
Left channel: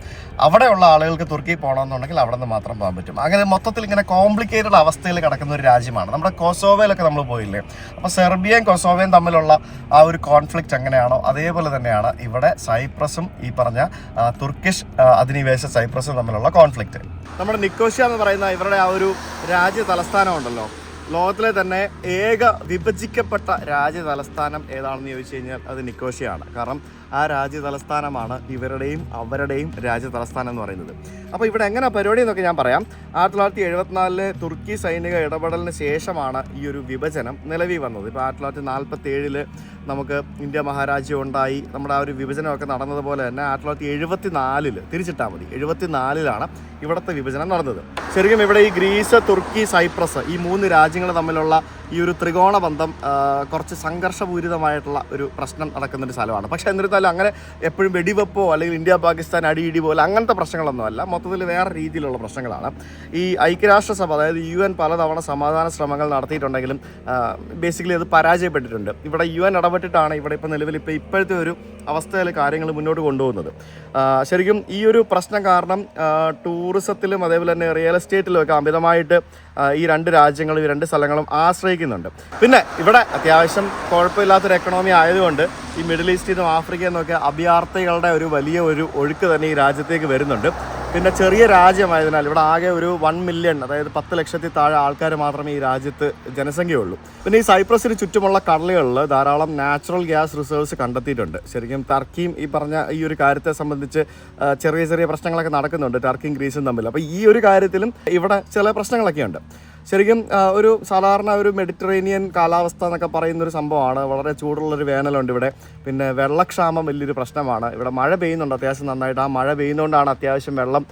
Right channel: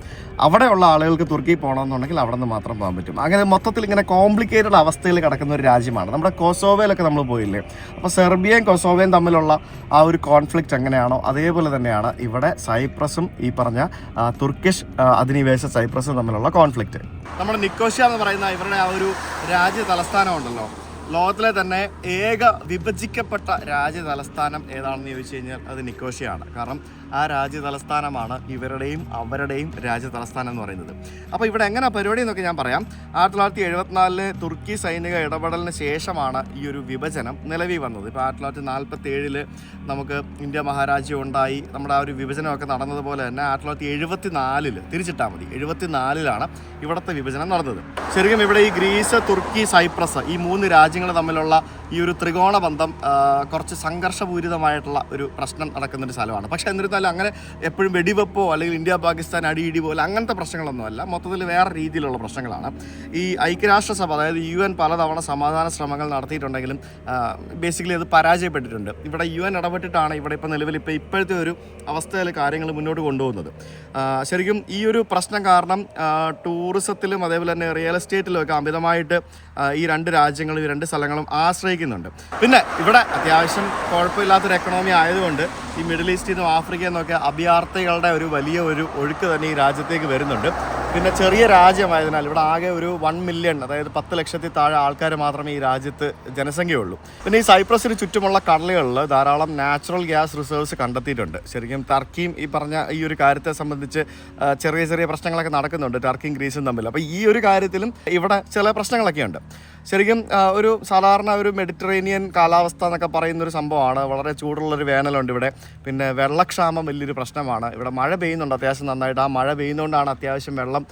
അവിടെയുള്ള ആളുകൾക്ക് തുർക്കിയിൽ പോകണമെന്നുണ്ടെങ്കിൽ അവിടെ നിന്ന് മാത്രം പോകാൻ പറ്റും. അങ്ങനെ മൊത്തത്തിൽ ഇങ്ങനെ കോംപ്ലിക്കേറ്റഡ് അവസ്ഥയിൽ കിടക്കുന്ന ഒരു രാജ്യമാണ്. നമ്മുടെ കൊസോവയിലൊക്കെ നമ്മൾ പോയില്ലേ, അപ്പോൾ സെർബിയയും കൊസോവയും തമ്മിലുള്ള ആ ഒരു കോൺഫ്ലിക്റ്റ് എങ്ങനെയാണോ അതേപോലെ തന്നെയാണ് ഇവിടെ സൈപ്രസും ഈ പറഞ്ഞ തുർക്കിഷ് അധിനിവേശ സൈപ്രസും തമ്മിലുള്ള കോൺഫ്ലിക്റ്റ്. നമ്മുടെ നിക്കോഷ്യ എന്ന് പറയുന്ന ഇവരുടെ ആ ഒരു രാജ്യ തലസ്ഥാനം ഉണ്ടല്ലോ, ലോകത്തിലെ തന്നെ ഏക വിഭജിക്കപ്പെട്ട രാജ്യ തലസ്ഥാനം ഏതാണെന്ന് ചോദിച്ചു കഴിഞ്ഞാൽ അത് നിക്കോഷ്യയാണ്. കാരണം ആ രാജ്യ തലസ്ഥാനമാണ് ഇവരുടെയും അവരുടെയും രാജ്യ തലസ്ഥാനം എന്ന് പറയുന്നത്. അപ്പോൾ ഇവിടെ എങ്ങനെ പരിപാടി എന്നൊക്കെ ഞാൻ പറയാം. 1974 തുർക്കി സൈനിക ഇടപെടലിന് ശേഷമാണ് ഈ ഒരു വിഭജനം നിലവിൽ വന്നത്. ഇപ്പോൾ 1947 നമുക്ക് ഇന്ത്യ മഹാരാജ്യം ഉണ്ടായി. നമ്മുടെ ആ ഒരു വിഭജനമൊക്കെ നടന്നതുപോലെ തന്നെ 1974 തിരിച്ചിട്ടാൽ മതി, 74 ഇവിടുത്തെ വിഭജനം നടന്നത്. ശരിക്കും ഇവിടെ ഈ ഗ്രീസ്, തുർക്കി, സൈപ്രസ് ഈ 3 രാജ്യങ്ങൾ തമ്മിലുള്ള ഈ ഒരു ത്രികോണ ബന്ധം കുറച്ച് സംഘർഷപൂരിതമായിട്ടുള്ള ഒരു പ്രശ്നം നടക്കുന്നൊരു സ്ഥലമാണ്. പക്ഷേ എന്നിരുന്നാലും അങ്ങനെ എപ്പോഴും വെടിവെപ്പോ അല്ലെങ്കിൽ ഇന്ത്യ പാകിസ്ഥാൻ അടിയിടി പോലെ അങ്ങനത്തെ പ്രശ്നങ്ങളൊന്നുമല്ല. മൊത്തത്തിൽ വേറെ രീതിയിലുള്ള പ്രശ്നങ്ങളാണ്. ഈ ഐക്യരാഷ്ട്രസഭ അതായത് UN പലതവണ സമാധാന ശ്രമങ്ങൾ നടത്തിയിട്ടുണ്ടെങ്കിലും ബേസിക്കലി അത് പരാജയപ്പെട്ടിട്ടുണ്ട്. ഇവിടെ UN ഇടപെട്ടിട്ടാണ് ഇവിടെ ഇപ്പോൾ നിലവിൽ ഇപ്പോഴത്തെ ഒരു അവസ്ഥയിൽ കാര്യങ്ങൾ മുന്നോട്ട് കൊണ്ടുപോകുന്നത്. ശരിക്കും ഈ ഒരു പ്രശ്നം കാരണം ടൂറിസത്തിലും അതേപോലെ തന്നെ റിയൽ എസ്റ്റേറ്റിലും ഒക്കെ അമിതമായിട്ട് ഈ 2 രാജ്യങ്ങളും ഈ 2 സ്ഥലങ്ങളും ആശ്രയിക്കുന്നുണ്ട്. പിന്നെ ഇവിടെ അത്യാവശ്യം കുഴപ്പമില്ലാത്തൊരു എക്കണോമി ആയതുകൊണ്ട് ഈ മിഡിൽ ഈസ്റ്റിൽ നിന്നും ആഫ്രിക്കയിൽ നിന്നൊക്കെ അഭയാർത്ഥികളുടെ ഒരു വലിയ ഒരു ഒഴുക്ക് തന്നെ ഈ രാജ്യത്തേക്ക് വരുന്നുണ്ട്. പിന്നെ ചെറിയ രാജ്യമായതിനാൽ ഇവിടെ ആകെ ഒരു 1 മില്യൺ, അതായത് 10 ലക്ഷത്തിൽ താഴെ ആൾക്കാർ മാത്രമേ ഈ രാജ്യത്ത് ജനസംഖ്യയുള്ളൂ. പിന്നെ ഈ സൈപ്രസിന് ചുറ്റുമുള്ള കടലുകളിൽ ധാരാളം നാച്ചുറൽ ഗ്യാസ് റിസർവ്സ് കണ്ടെത്തിയിട്ടുണ്ട്. ശരിക്കും ടർക്കിയും ഈ പറഞ്ഞ ഈ ഒരു കാര്യത്തെ സംബന്ധിച്ച് ചെറിയ ചെറിയ പ്രശ്നങ്ങളൊക്കെ നടക്കുന്നുണ്ട് ടർക്കിയും ഗ്രീസും തമ്മിൽ. അപ്പോൾ ഈ ഒരു കാര്യത്തിലും ഇവിടെ ചില പ്രശ്നങ്ങളൊക്കെ ഉണ്ട്. ശരിക്കും ഒരു സാധാരണ ഒരു മെഡിറ്ററേനിയൻ കാലാവസ്ഥ എന്നൊക്കെ പറയുന്നൊരു സംഭവമാണ്. വളരെ ചൂടുള്ളൊരു വേനലുണ്ട് ഇവിടെ. പിന്നെ വെള്ളക്ഷാമം വലിയൊരു പ്രശ്നമാണ്. ഇവിടെ മഴ പെയ്യുന്നുണ്ട് അത്യാവശ്യം നന്നായിട്ട്. ആ മഴ പെയ്യുന്നതുകൊണ്ടാണ് അത്യാവശ്യം വെള്ളം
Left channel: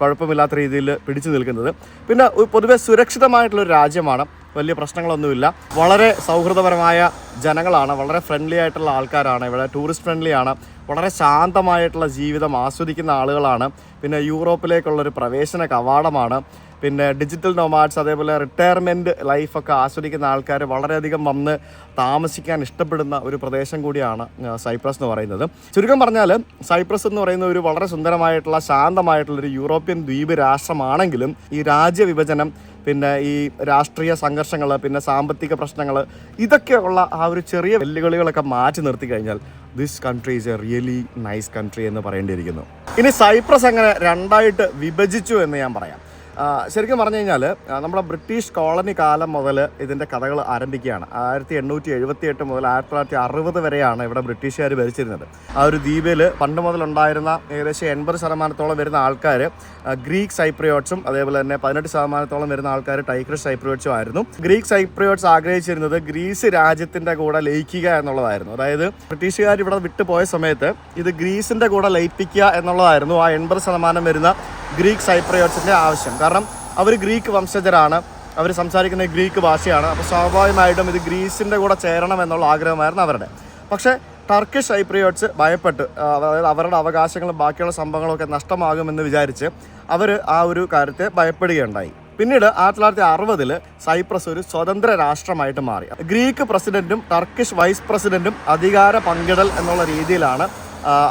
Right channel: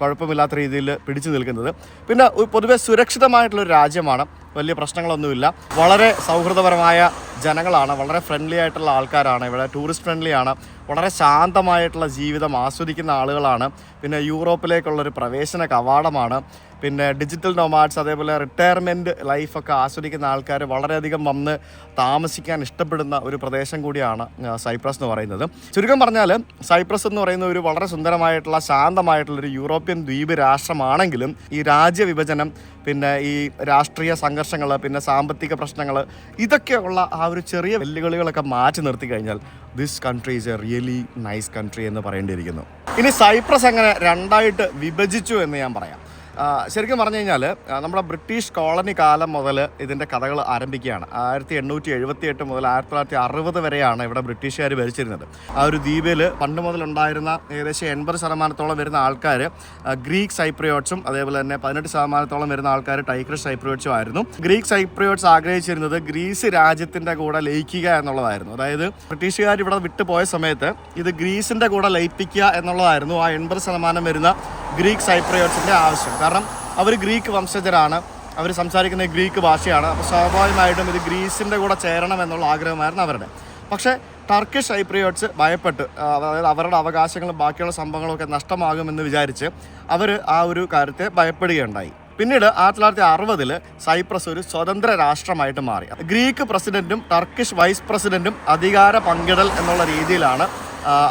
കുഴപ്പമില്ലാത്ത രീതിയിൽ പിടിച്ചു നിൽക്കുന്നത്. പിന്നെ പൊതുവെ സുരക്ഷിതമായിട്ടുള്ളൊരു രാജ്യമാണ്. വലിയ പ്രശ്നങ്ങളൊന്നുമില്ല. വളരെ സൗഹൃദപരമായ ജനങ്ങളാണ്, വളരെ ഫ്രണ്ട്ലി ആയിട്ടുള്ള ആൾക്കാരാണ്, ഇവിടെ ടൂറിസ്റ്റ് ഫ്രണ്ട്ലി ആണ്, വളരെ ശാന്തമായിട്ടുള്ള ജീവിതം ആസ്വദിക്കുന്ന ആളുകളാണ്. പിന്നെ യൂറോപ്പിലേക്കുള്ളൊരു പ്രവേശന കവാടമാണ്. പിന്നെ ഡിജിറ്റൽ നോമാഡ്സ്, അതേപോലെ റിട്ടയർമെൻറ്റ് ലൈഫൊക്കെ ആസ്വദിക്കുന്ന ആൾക്കാർ വളരെയധികം വന്ന് താമസിക്കാൻ ഇഷ്ടപ്പെടുന്ന ഒരു പ്രദേശം കൂടിയാണ് സൈപ്രസ് എന്ന് പറയുന്നത്. ചുരുക്കം പറഞ്ഞാൽ സൈപ്രസ് എന്ന് പറയുന്ന ഒരു വളരെ സുന്ദരമായിട്ടുള്ള ശാന്തമായിട്ടുള്ളൊരു യൂറോപ്യൻ ദ്വീപ് രാഷ്ട്രമാണെങ്കിലും ഈ രാജ്യവിഭജനം, പിന്നെ ഈ രാഷ്ട്രീയ സംഘർഷങ്ങൾ, പിന്നെ സാമ്പത്തിക പ്രശ്നങ്ങൾ, ഇതൊക്കെയുള്ള ആ ഒരു ചെറിയ വെല്ലുവിളികളൊക്കെ മാറ്റി നിർത്തി കഴിഞ്ഞാൽ this country is A really nice country എന്ന് പറയേണ്ടിയിരിക്കുന്നു. ഇനി സൈപ്രസ് എങ്ങനെ രണ്ടായിട്ട് വിഭജിച്ചു എന്ന് ഞാൻ പറയാം. ശരിക്കും പറഞ്ഞു കഴിഞ്ഞാൽ നമ്മുടെ ബ്രിട്ടീഷ് കോളനി കാലം മുതൽ ഇതിൻ്റെ കഥകൾ ആരംഭിക്കുകയാണ്. 1878 മുതൽ 1960 വരെയാണ് ഇവിടെ ബ്രിട്ടീഷുകാർ ഭരിച്ചിരുന്നത്. ആ ഒരു ദ്വീപിൽ പണ്ട് മുതലുണ്ടായിരുന്ന ഏകദേശം 80% വരുന്ന ആൾക്കാർ ഗ്രീക്ക് സൈപ്രിയോട്സും, അതേപോലെ തന്നെ 18% വരുന്ന ആൾക്കാർ ടൈഗ്രിഷ് സൈപ്രിയോട്സും ആയിരുന്നു. ഗ്രീക്ക് സൈപ്രിയോട്സ് ആഗ്രഹിച്ചിരുന്നത് ഗ്രീസ് രാജ്യത്തിൻ്റെ കൂടെ ലയിക്കുക എന്നുള്ളതായിരുന്നു. അതായത് ബ്രിട്ടീഷുകാർ ഇവിടെ വിട്ടുപോയ സമയത്ത് ഇത് ഗ്രീസിൻ്റെ കൂടെ ലയിപ്പിക്കുക എന്നുള്ളതായിരുന്നു ആ 80% വരുന്ന ഗ്രീക്ക് സൈപ്രിയോട്സിൻ്റെ ആവശ്യം. കാരണം അവർ ഗ്രീക്ക് വംശജരാണ്, അവർ സംസാരിക്കുന്ന ഗ്രീക്ക് ഭാഷയാണ്. അപ്പോൾ സ്വാഭാവികമായിട്ടും ഇത് ഗ്രീസിൻ്റെ കൂടെ ചേരണം എന്നുള്ള ആഗ്രഹമായിരുന്നു അവരുടെ. പക്ഷേ ടർക്കിഷ് സൈപ്രിയോട്സ് ഭയപ്പെട്ട്, അതായത് അവരുടെ അവകാശങ്ങളും ബാക്കിയുള്ള സംഭവങ്ങളൊക്കെ നഷ്ടമാകുമെന്ന് വിചാരിച്ച് അവർ ആ ഒരു കാര്യത്തെ ഭയപ്പെടുകയുണ്ടായി. പിന്നീട് 1960 സൈപ്രസ് ഒരു സ്വതന്ത്ര രാഷ്ട്രമായിട്ട് മാറി. ഗ്രീക്ക് പ്രസിഡന്റും ടർക്കിഷ് വൈസ് പ്രസിഡന്റും അധികാര പങ്കിടൽ എന്നുള്ള രീതിയിലാണ്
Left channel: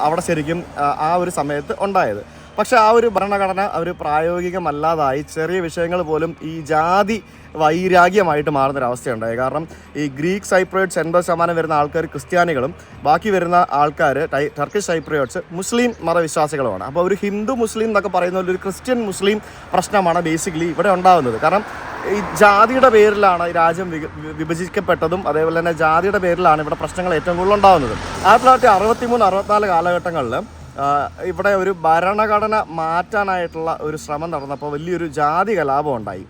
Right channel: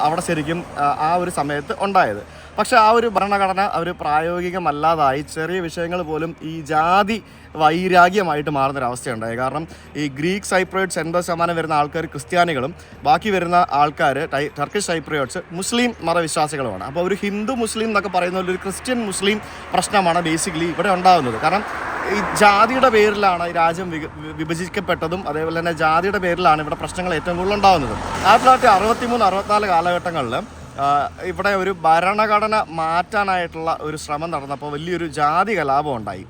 അവിടെ ശരിക്കും ആ ഒരു സമയത്ത് ഉണ്ടായത്. പക്ഷെ ആ ഒരു ഭരണഘടന അവർ പ്രായോഗികമല്ലാതായി, ചെറിയ വിഷയങ്ങൾ പോലും ഈ ജാതി വൈരാഗ്യമായിട്ട് മാറുന്നൊരവസ്ഥയുണ്ടായി. കാരണം ഈ ഗ്രീക്ക് സൈപ്രിയോട്സ് 80% വരുന്ന ആൾക്കാർ ക്രിസ്ത്യാനികളും ബാക്കി വരുന്ന ആൾക്കാർ ടർക്കിഷ് സൈപ്രിയോട്സ് മുസ്ലിം മതവിശ്വാസികളുമാണ്. അപ്പോൾ ഒരു ഹിന്ദു മുസ്ലിം എന്നൊക്കെ പറയുന്ന ഒരു ക്രിസ്ത്യൻ മുസ്ലിം പ്രശ്നമാണ് ബേസിക്കലി ഇവിടെ ഉണ്ടാകുന്നത്. കാരണം ഈ ജാതിയുടെ പേരിലാണ് ഈ രാജ്യം വിഭജിക്കപ്പെട്ടതും, അതേപോലെ തന്നെ ജാതിയുടെ പേരിലാണ് ഇവിടെ പ്രശ്നങ്ങൾ ഏറ്റവും കൂടുതൽ ഉണ്ടാകുന്നത്. 1963-64 കാലഘട്ടങ്ങളിൽ ഇവിടെ ഒരു ഭരണഘടന മാറ്റാനായിട്ടുള്ള ഒരു ശ്രമം നടന്നപ്പോൾ വലിയൊരു ജാതി കലാപം ഉണ്ടായി.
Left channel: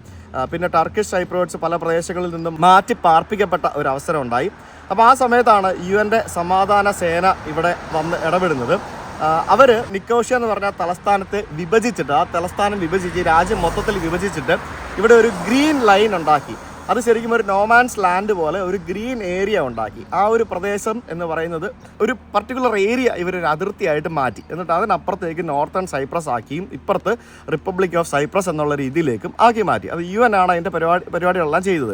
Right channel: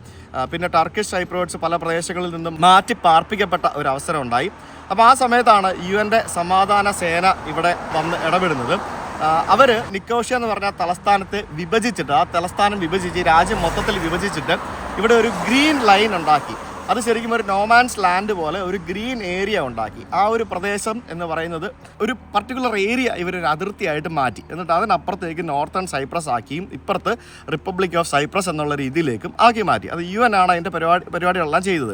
പിന്നെ ടർക്കിഷ് സൈപ്രിയോട്സ് പല പ്രദേശങ്ങളിൽ നിന്നും മാറ്റി പാർപ്പിക്കപ്പെട്ട ഒരു അവസരം ഉണ്ടായി. അപ്പോൾ ആ സമയത്താണ് UN സമാധാന സേന ഇവിടെ വന്ന് ഇടപെടുന്നത്. അവർ നിക്കോഷ്യ എന്ന് പറഞ്ഞ തലസ്ഥാനത്ത് വിഭജിച്ചിട്ട്, ആ തലസ്ഥാനം വിഭജിച്ച് രാജ്യം മൊത്തത്തിൽ വിഭജിച്ചിട്ട് ഇവിടെ ഒരു ഗ്രീൻ ലൈൻ ഉണ്ടാക്കി. അത് ശരിക്കും ഒരു നോമാൻസ് ലാൻഡ് പോലെ ഒരു ഗ്രീൻ ഏരിയ ഉണ്ടാക്കി. ആ ഒരു പ്രദേശം എന്ന് പറയുന്നത് ഒരു പർട്ടിക്കുലർ ഏരിയ ഇവരൊരു അതിർത്തിയായിട്ട് മാറ്റി. എന്നിട്ട് അതിനപ്പുറത്തേക്ക് നോർത്തേൺ സൈപ്രസ് ആക്കിയും ഇപ്പുറത്ത് റിപ്പബ്ലിക് ഓഫ് സൈപ്രസ് എന്നുള്ള രീതിയിലേക്കും ആക്കി മാറ്റി. അത് UN ആണ് അതിൻ്റെ പരിപാടികളെല്ലാം ചെയ്തത്.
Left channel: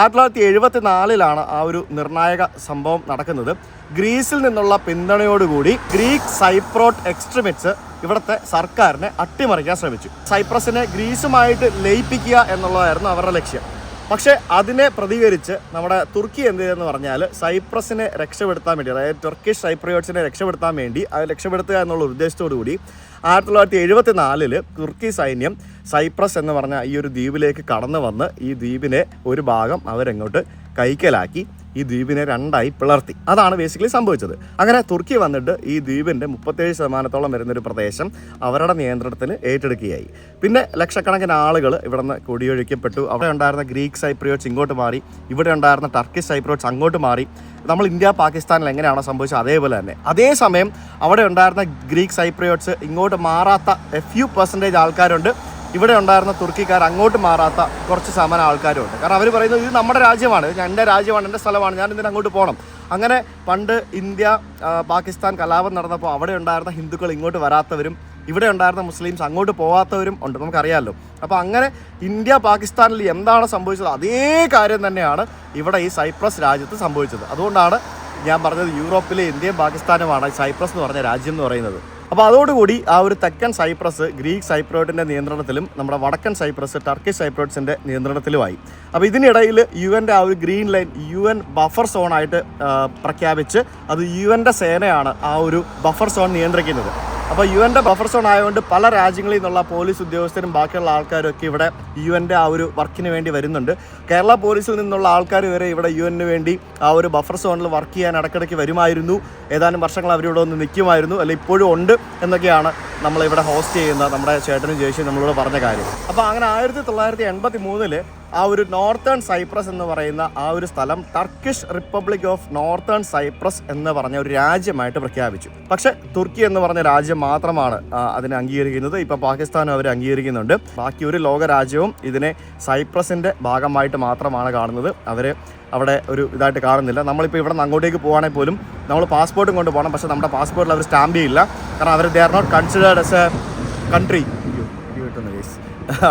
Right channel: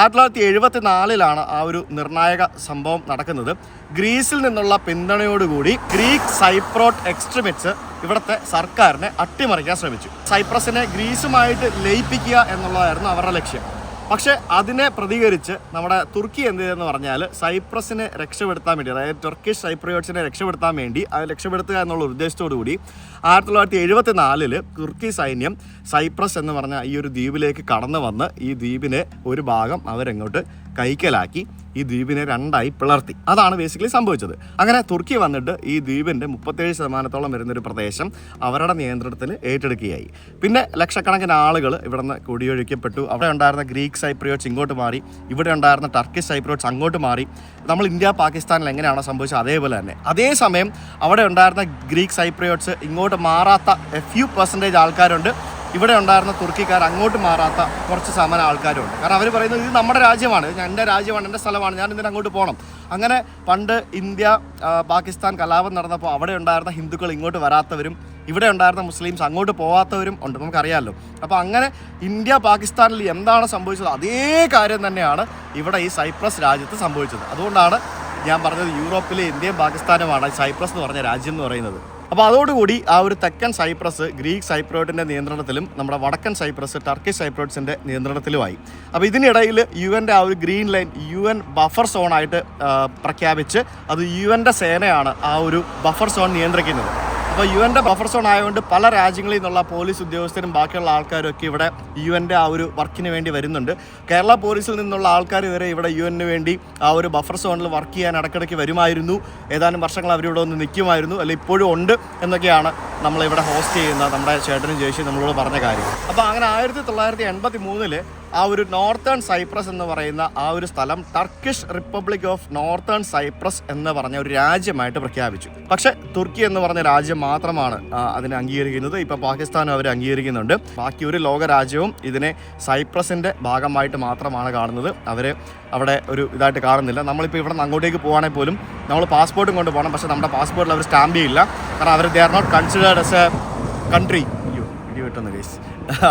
1974 ആ ഒരു നിർണായക സംഭവം നടക്കുന്നത്. ഗ്രീസിൽ നിന്നുള്ള പിന്തുണയോടുകൂടി ഗ്രീക്ക് സൈപ്രോട്ട് എക്സ്ട്രീമിസ്റ്റ് ഇവിടുത്തെ സർക്കാരിനെ അട്ടിമറിക്കാൻ ശ്രമിച്ചു. സൈപ്രസിനെ ഗ്രീസുമായിട്ട് ലയിപ്പിക്കുക എന്നുള്ളതായിരുന്നു അവരുടെ ലക്ഷ്യം. പക്ഷേ അതിനെ പ്രതികരിച്ച് നമ്മുടെ തുർക്കി എന്ത് ചെയ്തെന്ന് പറഞ്ഞാൽ സൈപ്രസിനെ രക്ഷപ്പെടുത്താൻ വേണ്ടി, അതായത് ടർക്കിഷ് സൈപ്രിയോട്സിനെ രക്ഷപ്പെടുത്താൻ വേണ്ടി, അത് രക്ഷപ്പെടുത്തുക എന്നുള്ള ഉദ്ദേശത്തോടു കൂടി 1974 തുർക്കി സൈന്യം സൈപ്രസ് എന്ന് പറഞ്ഞ ഈ ഒരു ദ്വീപിലേക്ക് കടന്നു വന്ന് ഈ ദ്വീപിനെ ഒരു ഭാഗം അവരെങ്ങോട്ട് കൈക്കലാക്കി ഈ ദ്വീപിനെ രണ്ടായി പിളർത്തി. അതാണ് ബേസിക്കലി സംഭവിച്ചത്. അങ്ങനെ തുർക്കി വന്നിട്ട് ഈ ദ്വീപിൻ്റെ 37% വരുന്നൊരു പ്രദേശം അവരുടെ നിയന്ത്രണത്തിന് ഏറ്റെടുക്കുകയായി. പിന്നെ ലക്ഷക്കണക്കിന് ആളുകൾ ഇവിടെ നിന്ന് കുടിയൊഴിക്കപ്പെട്ടു. അവിടെ ഉണ്ടായിരുന്ന ഗ്രീക്ക് സൈപ്രിയോട്സ് ഇങ്ങോട്ട് മാറി, ഇവിടെ ഉണ്ടായിരുന്ന ടർക്കിഷ് സൈപ്രിയോട്സ് അങ്ങോട്ട് മാറി. നമ്മൾ ഇന്ത്യ പാകിസ്ഥാനിൽ എങ്ങനെയാണോ സംഭവിച്ചത് അതേപോലെ തന്നെ. അതേസമയം അവിടെ ഉണ്ടായിരുന്ന ഗ്രീക്ക് സൈപ്രിയോട്സ് ഇങ്ങോട്ട് മാറാത്ത few % ആൾക്കാരുണ്ട്. ഇവിടെ ഉണ്ടായിരുന്ന തുർക്കിക്കാർ അങ്ങോട്ട് മാറാത്ത കുറച്ച് ശതമാനം ആൾക്കാരുണ്ട്. കാരണം അവർ പറയുന്നത് ഇത് നമ്മുടെ രാജ്യമാണ്, എൻ്റെ രാജ്യമാണ്, എൻ്റെ സ്ഥലമാണ്, ഞാൻ ഇതിന് അങ്ങോട്ട് പോകണം. അങ്ങനെ പണ്ട് ഇന്ത്യ പാകിസ്ഥാൻ കലാപം നടന്നപ്പോൾ അവിടെ ഉണ്ടായിരുന്ന ഹിന്ദുക്കൾ ഇങ്ങോട്ട് വരാത്തവരും ഇവിടെ ഉണ്ടായിരുന്ന മുസ്ലിംസ് അങ്ങോട്ട് പോകാത്തവരും ഉണ്ട്, നമുക്കറിയാമല്ലോ. അപ്പോൾ അങ്ങനെ ഇന്ത്യ പാകിസ്ഥാനിൽ എന്താണ് സംഭവിച്ചത് അതേ കാര്യം തന്നെയാണ് ഇവിടെ ഈ സൈപ്രസ് രാജ്യത്ത് സംഭവിച്ചത്. അതുകൊണ്ടാണ് ഞാൻ പറഞ്ഞത് യൂറോപ്പിലെ ഇന്ത്യയും പാകിസ്ഥാനുമാണ് സൈപ്രസ് എന്ന് പറഞ്ഞ രാജ്യം എന്ന് പറയുന്നത്. അപ്പോൾ അതോടുകൂടി ആ ഒരു തെക്കൻ സൈപ്രസ് ഗ്രീക്ക് സൈപ്രിയോട്ടിൻ്റെ നിയന്ത്രണത്തിലും നമ്മുടെ വടക്കൻ സൈപ്രസ് ടർക്കിഷ് സൈപ്രിയോട്സിൻ്റെ നിയന്ത്രണത്തിലുമായി. അപ്പോൾ ഇതിനിടയിൽ UN ആ ഒരു ഗ്രീൻ ലൈൻ UN ബഫർ സോണായിട്ട് പ്രഖ്യാപിച്ച് അത് UN സേനയാണ് ആ ഒരു ബഫർ സോൺ നിയന്ത്രിക്കുന്നത്. അപ്പോൾ UN ബഫർ സോൺ ആയതുകൊണ്ട് പല രാജ്യങ്ങളിൽ നിന്നുള്ള പോലീസ് ഉദ്യോഗസ്ഥരും ബാക്കിയുള്ള ആൾക്കാരും ഒക്കെ ഇവിടെ UN ആ ഒരു വർക്കിന് വേണ്ടി വരുന്നുണ്ട്. കേരള പോലീസിൽ നിന്നുള്ള ആൾക്കാർ വരെ ഇവിടെ UN വേണ്ടി ആ ഒരു ബഫർ സോണിൽ വർക്ക് ചെയ്യാൻ ഇടയ്ക്കിടയ്ക്ക് വരുമായിരുന്നു. ഏതാനും വർഷങ്ങൾ അവരിവിടെ ഒന്ന് നിൽക്കുമായിരുന്നു, അല്ല ഇപ്പോഴും ഉണ്ട് എന്നൊക്കെയാണ് നമ്മളിവിടെ ഹോസ്റ്റ് ചെയ്യുന്ന നമ്മുടെ ചേട്ടനും ചേച്ചിയും നമ്മളോട് പറഞ്ഞ കാര്യം. അപ്പോൾ അങ്ങനെ 1983 ആ ഒരു നോർത്തേൺ സൈപ്രസ് എന്ന് പറയുന്ന ആ ഒരു സ്ഥലം Turkish republic of northern Cyprus എന്ന് പറഞ്ഞ ഒരു രാജ്യമായിട്ട് പ്രഖ്യാപിച്ചു. പക്ഷേ തുർക്കി എന്ന് പറഞ്ഞ രാജ്യം മാത്രമാണ് അതിനെ അംഗീകരിക്കുന്നത്. ഇപ്പോൾ പാകിസ്ഥാനും അവർ അംഗീകരിക്കുന്നുണ്ട്. ബാക്കി ഒരു ലോക രാജ്യവും ഇതിനെ സൈപ്രസിൻ്റെ ഭാഗമായിട്ട് മാത്രമാണ് കാണുന്നത്. അവർ അവിടെ ഒരു ഇതായിട്ട് കാണുന്നില്ല. നമ്മളിപ്പോൾ ഇവിടെ നിന്ന് അങ്ങോട്ടേക്ക് പോകുകയാണെങ്കിൽ പോലും നമ്മൾ പാസ്പോർട്ടും കൊണ്ട് പോകണം. പക്ഷേ നമ്മുടെ പാസ്പോർട്ടിൽ അവർ സ്റ്റാമ്പ് ചെയ്യില്ല. കാരണം അവർ they are not considered as a country. ഇടി കിട്ടുന്ന കേസ്.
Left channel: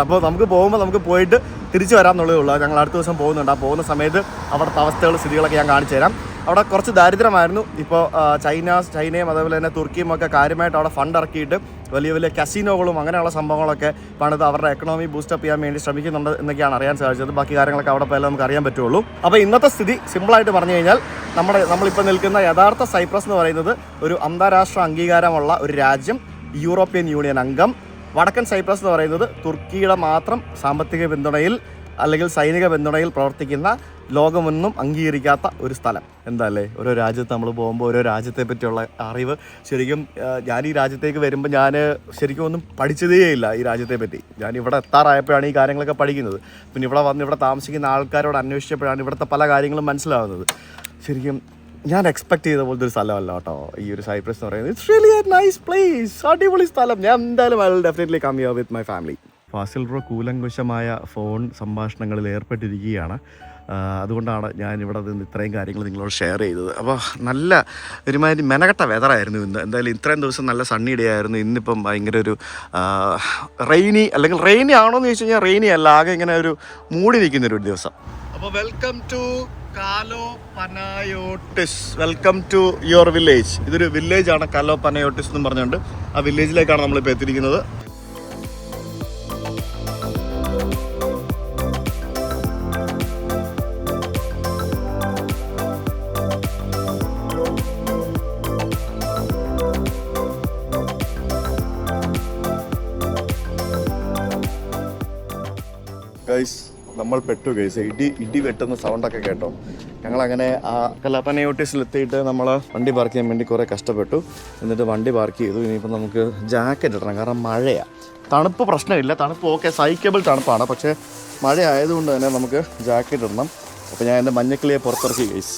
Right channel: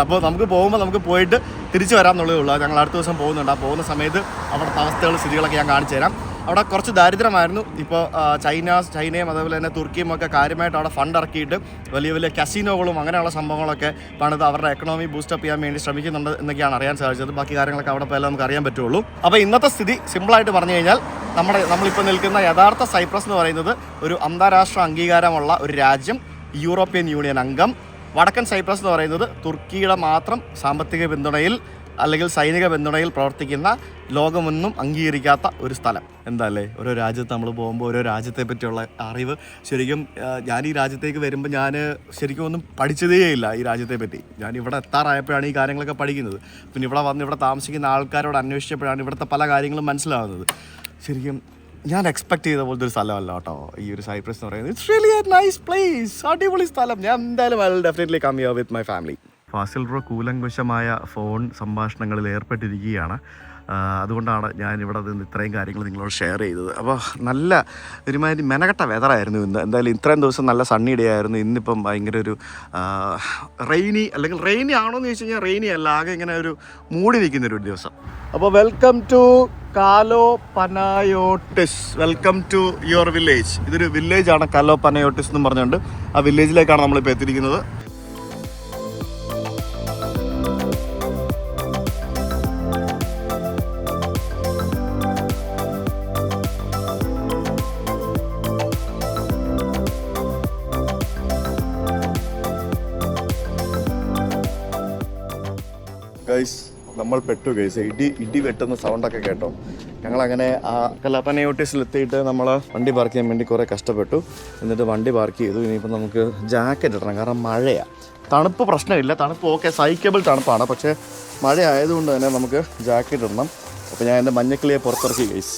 അപ്പോൾ നമുക്ക് പോകുമ്പോൾ നമുക്ക് പോയിട്ട് തിരിച്ചു വരാമെന്നുള്ളതേ ഉള്ളൂ. ഞങ്ങൾ അടുത്ത ദിവസം പോകുന്നുണ്ട്. ആ പോകുന്ന സമയത്ത് അവിടുത്തെ അവസ്ഥകൾ സ്ഥിതികളൊക്കെ ഞാൻ കാണിച്ചു തരാം. അവിടെ കുറച്ച് ദാരിദ്ര്യമായിരുന്നു. ഇപ്പോൾ ചൈനയും അതേപോലെ തന്നെ തുർക്കിയും ഒക്കെ കാര്യമായിട്ട് അവിടെ ഫണ്ട് ഇറക്കിയിട്ട് വലിയ വലിയ കസിനോകളും അങ്ങനെയുള്ള സംഭവങ്ങളൊക്കെ പണിത് അവരുടെ എക്കണോമി ബൂസ്റ്റപ്പ് ചെയ്യാൻ വേണ്ടി ശ്രമിക്കുന്നുണ്ട് എന്നൊക്കെയാണ് അറിയാൻ സാധിച്ചത്. ബാക്കി കാര്യങ്ങളൊക്കെ അവിടെ പോയാലും നമുക്ക് അറിയാൻ പറ്റുള്ളൂ. അപ്പോൾ ഇന്നത്തെ സ്ഥിതി സിമ്പിളായിട്ട് പറഞ്ഞു കഴിഞ്ഞാൽ നമ്മളിപ്പോൾ നിൽക്കുന്ന യഥാർത്ഥ സൈപ്രസ് എന്ന് പറയുന്നത് ഒരു അന്താരാഷ്ട്ര അംഗീകാരമുള്ള ഒരു രാജ്യം, യൂറോപ്യൻ യൂണിയൻ അംഗം. വടക്കൻ സൈപ്രസ് എന്ന് പറയുന്നത് തുർക്കിയുടെ മാത്രം സാമ്പത്തിക പിന്തുണയിൽ അല്ലെങ്കിൽ സൈനിക പിന്തുണയിൽ പ്രവർത്തിക്കുന്ന ലോകമൊന്നും അംഗീകരിക്കാത്ത ഒരു സ്ഥലം. എന്താ അല്ലേ, ഓരോ രാജ്യത്ത് നമ്മൾ പോകുമ്പോൾ ഓരോ രാജ്യത്തെ പറ്റിയുള്ള അറിവ് ശരിക്കും ഞാൻ ഈ രാജ്യത്തേക്ക് വരുമ്പോൾ ഞാൻ ശരിക്കും ഒന്നും പഠിച്ചതേയില്ല ഈ രാജ്യത്തെ പറ്റി. ഞാൻ ഇവിടെ എത്താറായപ്പോഴാണ് ഈ കാര്യങ്ങളൊക്കെ പഠിക്കുന്നത്. പിന്നെ ഇവിടെ വന്ന് ഇവിടെ താമസിക്കുന്ന ആൾക്കാരോട് അന്വേഷിച്ചപ്പോഴാണ് ഇവിടുത്തെ പല കാര്യങ്ങളും മനസ്സിലാവുന്നത്. ശരിക്കും ഞാൻ എക്സ്പെക്ട് ചെയ്ത പോലത്തെ ഒരു സ്ഥലമല്ല കേട്ടോ ഈ ഒരു സൈപ്രസ് എന്ന് പറയുന്നത്. It's really a nice place, അടിപൊളി സ്ഥലം. ഞാൻ എന്തായാലും I will definitely come here with my family. Fazil bro കൂലങ്കുശമായ ഫോൺ സംഭാഷണങ്ങളിൽ ഏർപ്പെട്ടിരിക്കുകയാണ്. അതുകൊണ്ടാണ് ഞാൻ ഇവിടെ നിന്ന് ഇത്രയും കാര്യങ്ങൾ നിങ്ങളോട് ഷെയർ ചെയ്തത്. അപ്പോൾ നല്ല ഒരുമാതിരി മെനകെട്ട വെതറായിരുന്നു ഇന്ന്. എന്തായാലും ഇത്രയും ദിവസം നല്ല സണ്ണി ഡേ ആയിരുന്നു. ഇന്നിപ്പം ഭയങ്കര ഒരു റെയിനി, അല്ലെങ്കിൽ റെയിനി ആണോ എന്ന് ചോദിച്ചു കഴിഞ്ഞാൽ റെയിനി അല്ല, ആകെ ഇങ്ങനെ ഒരു മൂടി നിൽക്കുന്നൊരു ദിവസം. അപ്പോൾ വെൽക്കം ടു കാലോ പനയോട്ടിസ്, വെൽക്കം ടു യുവർ വില്ലേജ്. ഇതൊരു വില്ലേജാണ് കാലോ പനയോട്ടിസ് എന്ന് പറഞ്ഞുകൊണ്ട്. ആ വില്ലേജിലേക്കാണ് നമ്മളിപ്പോൾ എത്തിയിരിക്കുന്നത്. ഗൈസ് നമ്മൾ പെട്ടു ഗൈസ്. ഇടി വെട്ടുന്ന സൗണ്ടൊക്കെ കേട്ടോ. ഞങ്ങളങ്ങനെ ആ കലാപനയോട്ടിസിലെത്തിയിട്ട് നമ്മൾ വണ്ടി പാർക്ക് ചെയ്യാൻ വേണ്ടി കുറേ കഷ്ടപ്പെട്ടു. എന്നിട്ട് വണ്ടി പാർക്ക് ചെയ്തു. ഇനിയിപ്പോൾ നമുക്ക് ജാക്കറ്റ് ഇടണം, കാരണം മഴയാണ്. തണുപ്പ് പ്രശ്നമില്ല, തണുപ്പ് ഓക്കെ, സഹിക്കബിൾ തണുപ്പാണ്. പക്ഷേ മഴ ആയതുകൊണ്ട് തന്നെ നമുക്ക് ജാക്കറ്റ് ഇടണം. അപ്പോൾ ഞാൻ എൻ്റെ മഞ്ഞക്കിളിയെ പുറത്തിറക്കി ഗൈസ്.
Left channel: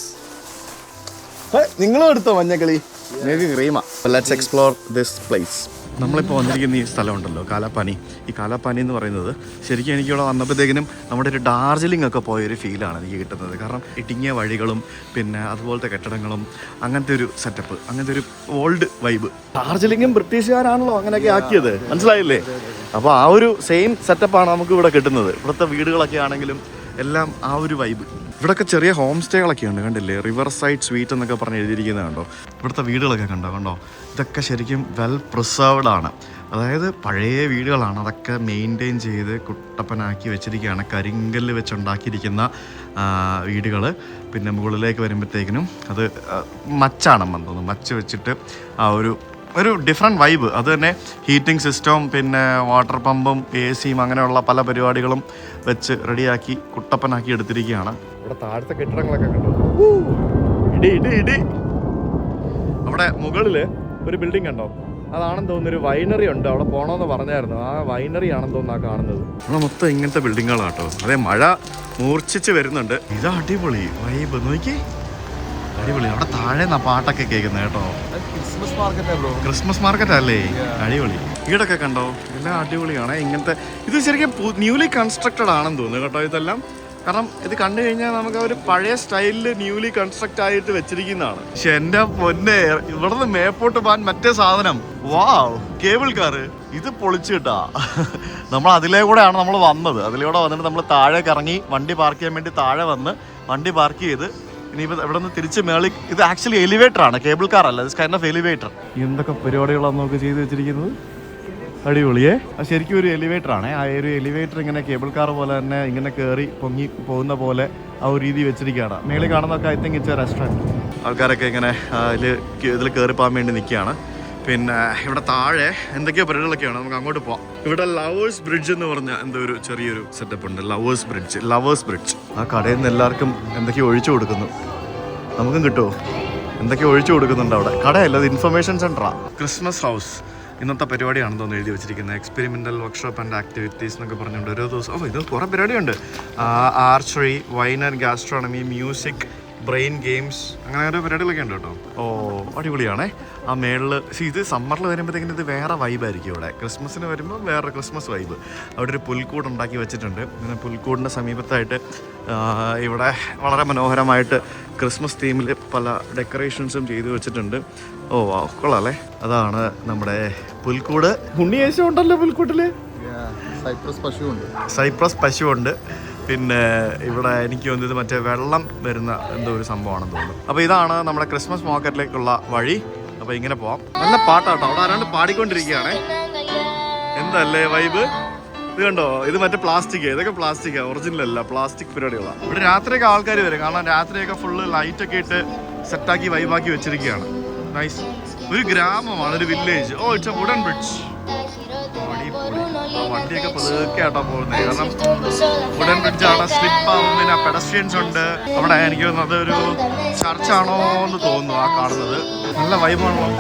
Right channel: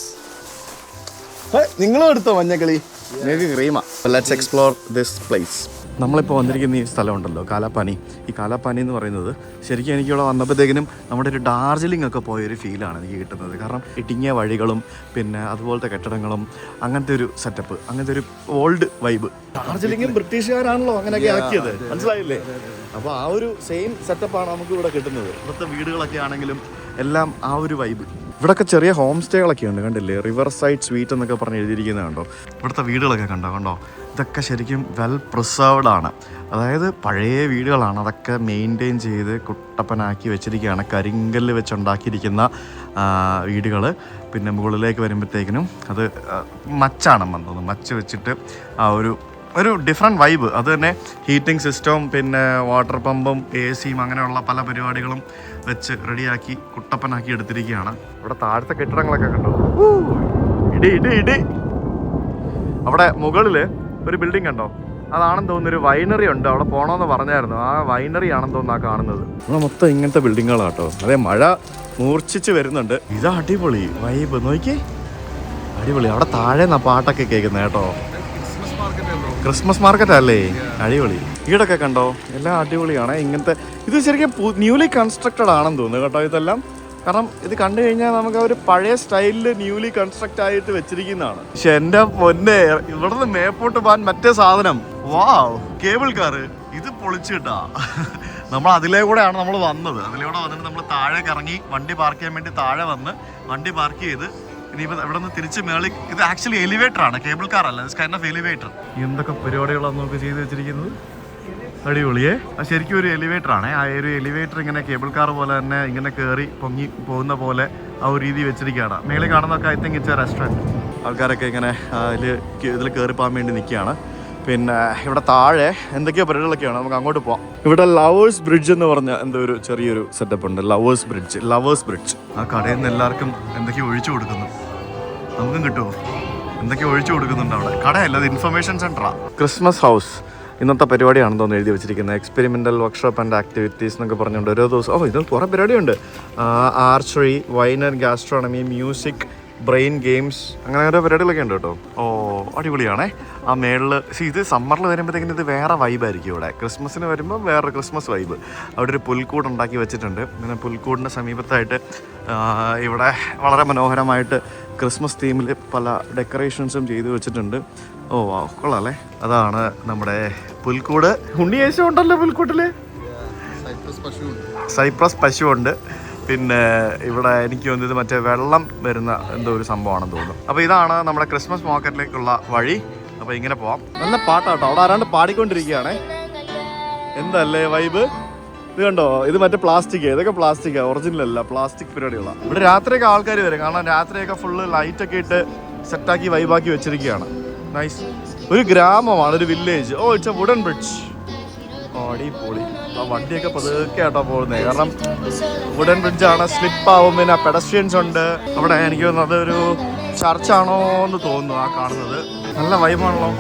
നിങ്ങളും എടുത്തോ മഞ്ഞക്കിളി? നിങ്ങൾക്ക് ക്രീമാ. Let's explore this place. നമ്മളിപ്പോൾ വന്നിരിക്കുന്ന ഈ സ്ഥലമുണ്ടല്ലോ കാലാപാനി. ഈ കാലാപാനി എന്ന് പറയുന്നത് ശരിക്കും എനിക്കിവിടെ വന്നപ്പോഴത്തേക്കിനും നമ്മുടെ ഒരു ഡാർജിലിംഗ് ഒക്കെ പോയൊരു ഫീലാണ് എനിക്ക് കിട്ടുന്നത്. കാരണം ഇടുങ്ങിയ വഴികളും പിന്നെ അതുപോലത്തെ കെട്ടിടങ്ങളും അങ്ങനത്തെ ഒരു സെറ്റപ്പ്, അങ്ങനത്തെ ഒരു ഓൾഡ് വൈബ്. ഡാർജിലിംഗും ബ്രിട്ടീഷുകാരാണല്ലോ അങ്ങനെയൊക്കെ ആക്കിയത്, മനസ്സിലായില്ലേ? അപ്പോൾ ആ ഒരു സെയിം സെറ്റപ്പാണ് നമുക്ക് ഇവിടെ കിട്ടുന്നത്. ഇവിടുത്തെ വീടുകളൊക്കെ ആണെങ്കിലും എല്ലാം ആ ഒരു വൈബ്. ഇവിടെയൊക്കെ ചെറിയ ഹോം സ്റ്റേകളൊക്കെ ഉണ്ട്, കണ്ടില്ലേ? റിവർ സൈഡ് സ്വീറ്റ് എന്നൊക്കെ പറഞ്ഞ് എഴുതിയിരിക്കുന്നത് കണ്ടോ? ഇവിടുത്തെ വീടുകളൊക്കെ കണ്ടോ? ഇതൊക്കെ ശരിക്കും വെൽ പ്രിസർവ്ഡ് ആണ്. അതായത് പഴയ വീടുകളാണ്. അതൊക്കെ മെയിൻറ്റെയിൻ ചെയ്ത് കുട്ടപ്പനാക്കി വെച്ചിരിക്കുകയാണ്. കരിങ്കല്ല് വെച്ചുണ്ടാക്കിയിരിക്കുന്ന വീടുകൾ. പിന്നെ മുകളിലേക്ക് വരുമ്പോഴത്തേക്കിനും അത് മച്ചാണെന്ന് തോന്നുന്നു. മച്ച് വെച്ചിട്ട് ആ ഒരു ഡിഫറെൻറ്റ് വൈബ്. അത് തന്നെ ഹീറ്റിംഗ് സിസ്റ്റവും പിന്നെ വാട്ടർ പമ്പും AC-യും അങ്ങനെയുള്ള പല പരിപാടികളും വെച്ച് റെഡിയാക്കി കുട്ടപ്പനാക്കി എടുത്തിരിക്കുകയാണ്. ഇവിടെ താഴത്തെ കെട്ടിടങ്ങളൊക്കെ കണ്ടോ? ഇടി അവിടെ മുകളിൽ ഒരു ബിൽഡിംഗ് കണ്ടോ? അതാണെന്ന് തോന്നുന്നു ഒരു വൈനറി ഉണ്ട്. അവിടെ പോകണമെന്ന് പറഞ്ഞായിരുന്നു. ആ വൈനറി ആണെന്ന് തോന്നുന്നു ആ കാണുന്നത്. അവിടെ മൊത്തം ഇങ്ങനത്തെ ബിൽഡിങ്ങുകളാണ് കേട്ടോ. അതെ, മഴ മൂർച്ഛിച്ച് വരുന്നുണ്ട്. ഇതാ അടിപൊളി വൈബ്, നോക്കി അടിപൊളി. അവിടെ താഴെ പാട്ടൊക്കെ കേൾക്കുന്നത് കേട്ടോ. ക്രിസ്മസ് മാർക്കറ്റ് അല്ലേ? അടിപൊളി. വീടൊക്കെ കണ്ടോ? എല്ലാം അടിപൊളിയാണ്. ഇങ്ങനത്തെ ഇത് ശരിക്കും ന്യൂലി കൺസ്ട്രക്റ്റഡ് ആണെന്ന് തോന്നുന്നു കേട്ടോ ഇതെല്ലാം. കാരണം ഇത് കണ്ടു കഴിഞ്ഞാൽ നമുക്ക് ഒരു പഴയ സ്റ്റൈലിൽ ന്യൂലി കൺസ്ട്രക്റ്റ് ആയിട്ട് വെച്ചിരിക്കുന്നതാണ്. പക്ഷെ എൻ്റെ പൊന്നെ, ഇവിടുന്ന് മേപ്പോട്ട് പോകാൻ മറ്റേ സാധനം, വാവ്, കേബിൾ കാറ്. ഇത് പൊളിച്ചു കിട്ടാ. നമ്മൾ അതിലേ കൂടെയാണ് നമ്മൾ വന്നത്. അതിലൂടെ വന്നിട്ട് നമ്മൾ താഴേക്ക് ഇറങ്ങി വണ്ടി പാർക്ക് ചെയ്യാൻ വേണ്ടി താഴെ വന്ന് വണ്ടി പാർക്ക് ചെയ്ത് ഇനിയിപ്പോൾ ഇവിടെ നിന്ന് തിരിച്ച് മേളിൽ. ഇത് ആക്ച്വലി എലിവേറ്റർ ആണ്, കേബിൾ കാർ അല്ല. ഇത് കൈൻഡ് ഓഫ് എലിവേറ്റർ. എന്തൊക്കെ പരിപാടികളാണ് നമുക്ക് ചെയ്ത് വെച്ചിരിക്കുന്നത്. അടിപൊളിയേ. അത് ശരിക്കും ഒരു എലിവേറ്റർ ആണ്. ആ ഒരു എലിവേറ്റർ ഇങ്ങനെ കേബിൾ കാർ പോലെ തന്നെ ഇങ്ങനെ കയറി പൊങ്ങി പോകുന്ന പോലെ ആ ഒരു രീതി വെച്ചിരിക്കുകയാണ്. മേളിൽ കാണുന്നതൊക്കെ I think it's A restaurant. ആൾക്കാരൊക്കെ ഇങ്ങനെ ഇതിൽ കയറി പോകാൻ വേണ്ടി നിൽക്കുകയാണ്. പിന്നെ ഇവിടെ താഴെ എന്തൊക്കെയോ പരിപാടികളൊക്കെയാണ്. നമുക്ക് അങ്ങോട്ട് പോവാം. ഇവിടെ ലവേഴ്സ് ബ്രിഡ്ജ് എന്ന് പറഞ്ഞ എന്തോ ഒരു ചെറിയൊരു സെറ്റപ്പ് ഉണ്ട്. Lovers bridge. ആ കടയിൽ നിന്ന് എല്ലാവർക്കും എന്തൊക്കെയോ ഒഴിച്ചു കൊടുക്കുന്നു. നമുക്കും കിട്ടുമോ? എന്തൊക്കെയോ ഒഴിച്ചു കൊടുക്കുന്നുണ്ട് അവിടെ. കടയല്ല, അത് ഇൻഫർമേഷൻ സെൻ്ററാണ്. Christmas house. ഇന്നത്തെ പരിപാടിയാണെന്ന് തോന്നുന്നു എഴുതി വെച്ചിരിക്കുന്നത്. എക്സ്പെരിമെൻ്റൽ വർക്ക്ഷോപ്പ് ആൻഡ് ആക്ടിവിറ്റീസ് എന്നൊക്കെ പറഞ്ഞുകൊണ്ട് ഓരോ ദിവസം ഇത് കുറേ പരിപാടിയുണ്ട്. Archery, wine and gastronomy, music, brain games, അങ്ങനെ ഓരോ പരിപാടികളൊക്കെ ഉണ്ട് കേട്ടോ. അടിപൊളിയാണേ. ആ മേളിൽ ഇത് സമ്മറിൽ വരുമ്പോഴത്തേക്കിന് ഇത് വേറെ വൈബായിരിക്കും. ഇവിടെ ക്രിസ്മസിന് വരുമ്പോൾ വേറൊരു ക്രിസ്മസ് വൈബ്. അവിടെ ഒരു പുൽക്കൂട് ഉണ്ടാക്കി വെച്ചിട്ടുണ്ട്. പിന്നെ പുൽക്കൂടിൻ്റെ സമീപത്തായിട്ട് ഇവിടെ വളരെ മനോഹരമായിട്ട് ക്രിസ്മസ് തീമിൽ പല ഡെക്കറേഷൻസും ചെയ്തു വെച്ചിട്ടുണ്ട്. കൊള്ളാല്ലേ. അതാണ് നമ്മുടെ പുൽക്കൂട്. ഉണ്ണിയേശം ഉണ്ടല്ലോ പുൽക്കൂട്ടിൽ. സൈപ്രസ് പശുവുണ്ട്. പിന്നെ ഇവിടെ എനിക്ക് തോന്നുന്നത് മറ്റേ വെള്ളം വരുന്ന എന്തോ ഒരു സംഭവമാണെന്ന് തോന്നുന്നു. അപ്പോൾ ഇതാണ് നമ്മുടെ ക്രിസ്മസ് മാർക്കറ്റിലേക്കുള്ള വഴി. അപ്പോൾ ഇങ്ങനെ പോവാം. നല്ല പാട്ടാട്ടോ. അവിടെ ആരാണ്ട് പാടിക്കൊണ്ടിരിക്കുകയാണേ. എന്തല്ലേ വൈബ്. ഇത് കണ്ടോ, ഇത് മറ്റേ പ്ലാസ്റ്റിക്. ഇതൊക്കെ പ്ലാസ്റ്റിക്കാ, ഒറിജിനൽ അല്ല, പ്ലാസ്റ്റിക് പരിപാടികളാണ്. ഇവിടെ രാത്രിയൊക്കെ ആൾക്കാർ വരും. കാരണം രാത്രിയൊക്കെ ഫുള്ള് ലൈറ്റൊക്കെ ഇട്ട് സെറ്റാക്കി വൈബാക്കി വെച്ചിരിക്കുകയാണ്. നൈസ്. ഒരു ഗ്രാമമാണ്, ഒരു village. It's a wooden bridge. അടിപൊളി. ആ വണ്ടിയൊക്കെ പതുക്കെ ആട്ടോ പോകുന്നത്. കാരണം വുഡൻ ബ്രിഡ്ജാണ്, സ്ലിപ്പാവും. പിന്നെ പെഡസ്ട്രിയൻസ് ഉണ്ട് അവിടെ. എനിക്ക് തോന്നുന്നത് അതൊരു ചർച്ചാണോ എന്ന് തോന്നുന്നു ആ കാണുന്നത്. നല്ല വൈബാണല്ലോ.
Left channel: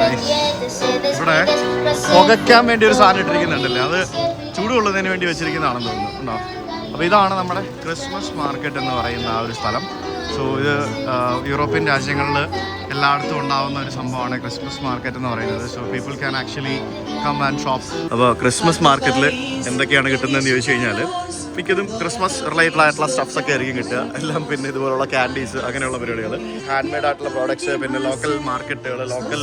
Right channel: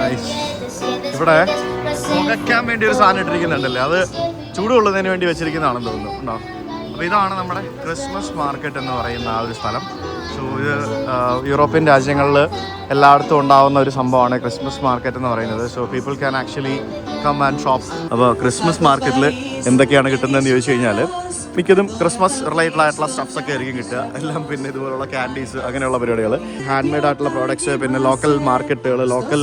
നൈസ്. ഇവിടെ പുകയ്ക്കാൻ വേണ്ടി ഒരു സാധനം ഇട്ടിരിക്കുന്നുണ്ടല്ലേ, അത് ചൂടുകൊള്ളുന്നതിന് വേണ്ടി വെച്ചിരിക്കുന്നതാണെന്ന് തോന്നുന്നു. ഉണ്ടോ? അപ്പോൾ ഇതാണ് നമ്മുടെ ക്രിസ്മസ് മാർക്കറ്റ് എന്ന് പറയുന്ന ആ ഒരു സ്ഥലം. സോ ഇത് യൂറോപ്യൻ രാജ്യങ്ങളിൽ എല്ലായിടത്തും ഉണ്ടാകുന്ന ഒരു സംഭവമാണ് ക്രിസ്മസ് മാർക്കറ്റ് എന്ന് പറയുന്നത്. So people can actually come and shop. അപ്പോൾ ക്രിസ്മസ് മാർക്കറ്റിൽ എന്തൊക്കെയാണ് കിട്ടുന്നതെന്ന് ചോദിച്ചു കഴിഞ്ഞാൽ മിക്കതും ക്രിസ്മസ് റിലേറ്റഡ് ആയിട്ടുള്ള സ്റ്റഫ്സ് ഒക്കെ ആയിരിക്കും കിട്ടുക. എല്ലാം പിന്നെ ഇതുപോലുള്ള ക്യാൻഡീസ്, അങ്ങനെയുള്ള പരിപാടികൾ, ഹാൻഡ് മെയ്ഡ് ആയിട്ടുള്ള പ്രോഡക്ട്സ്, പിന്നെ ലോക്കൽ മാർക്കറ്റുകൾ, ലോക്കൽ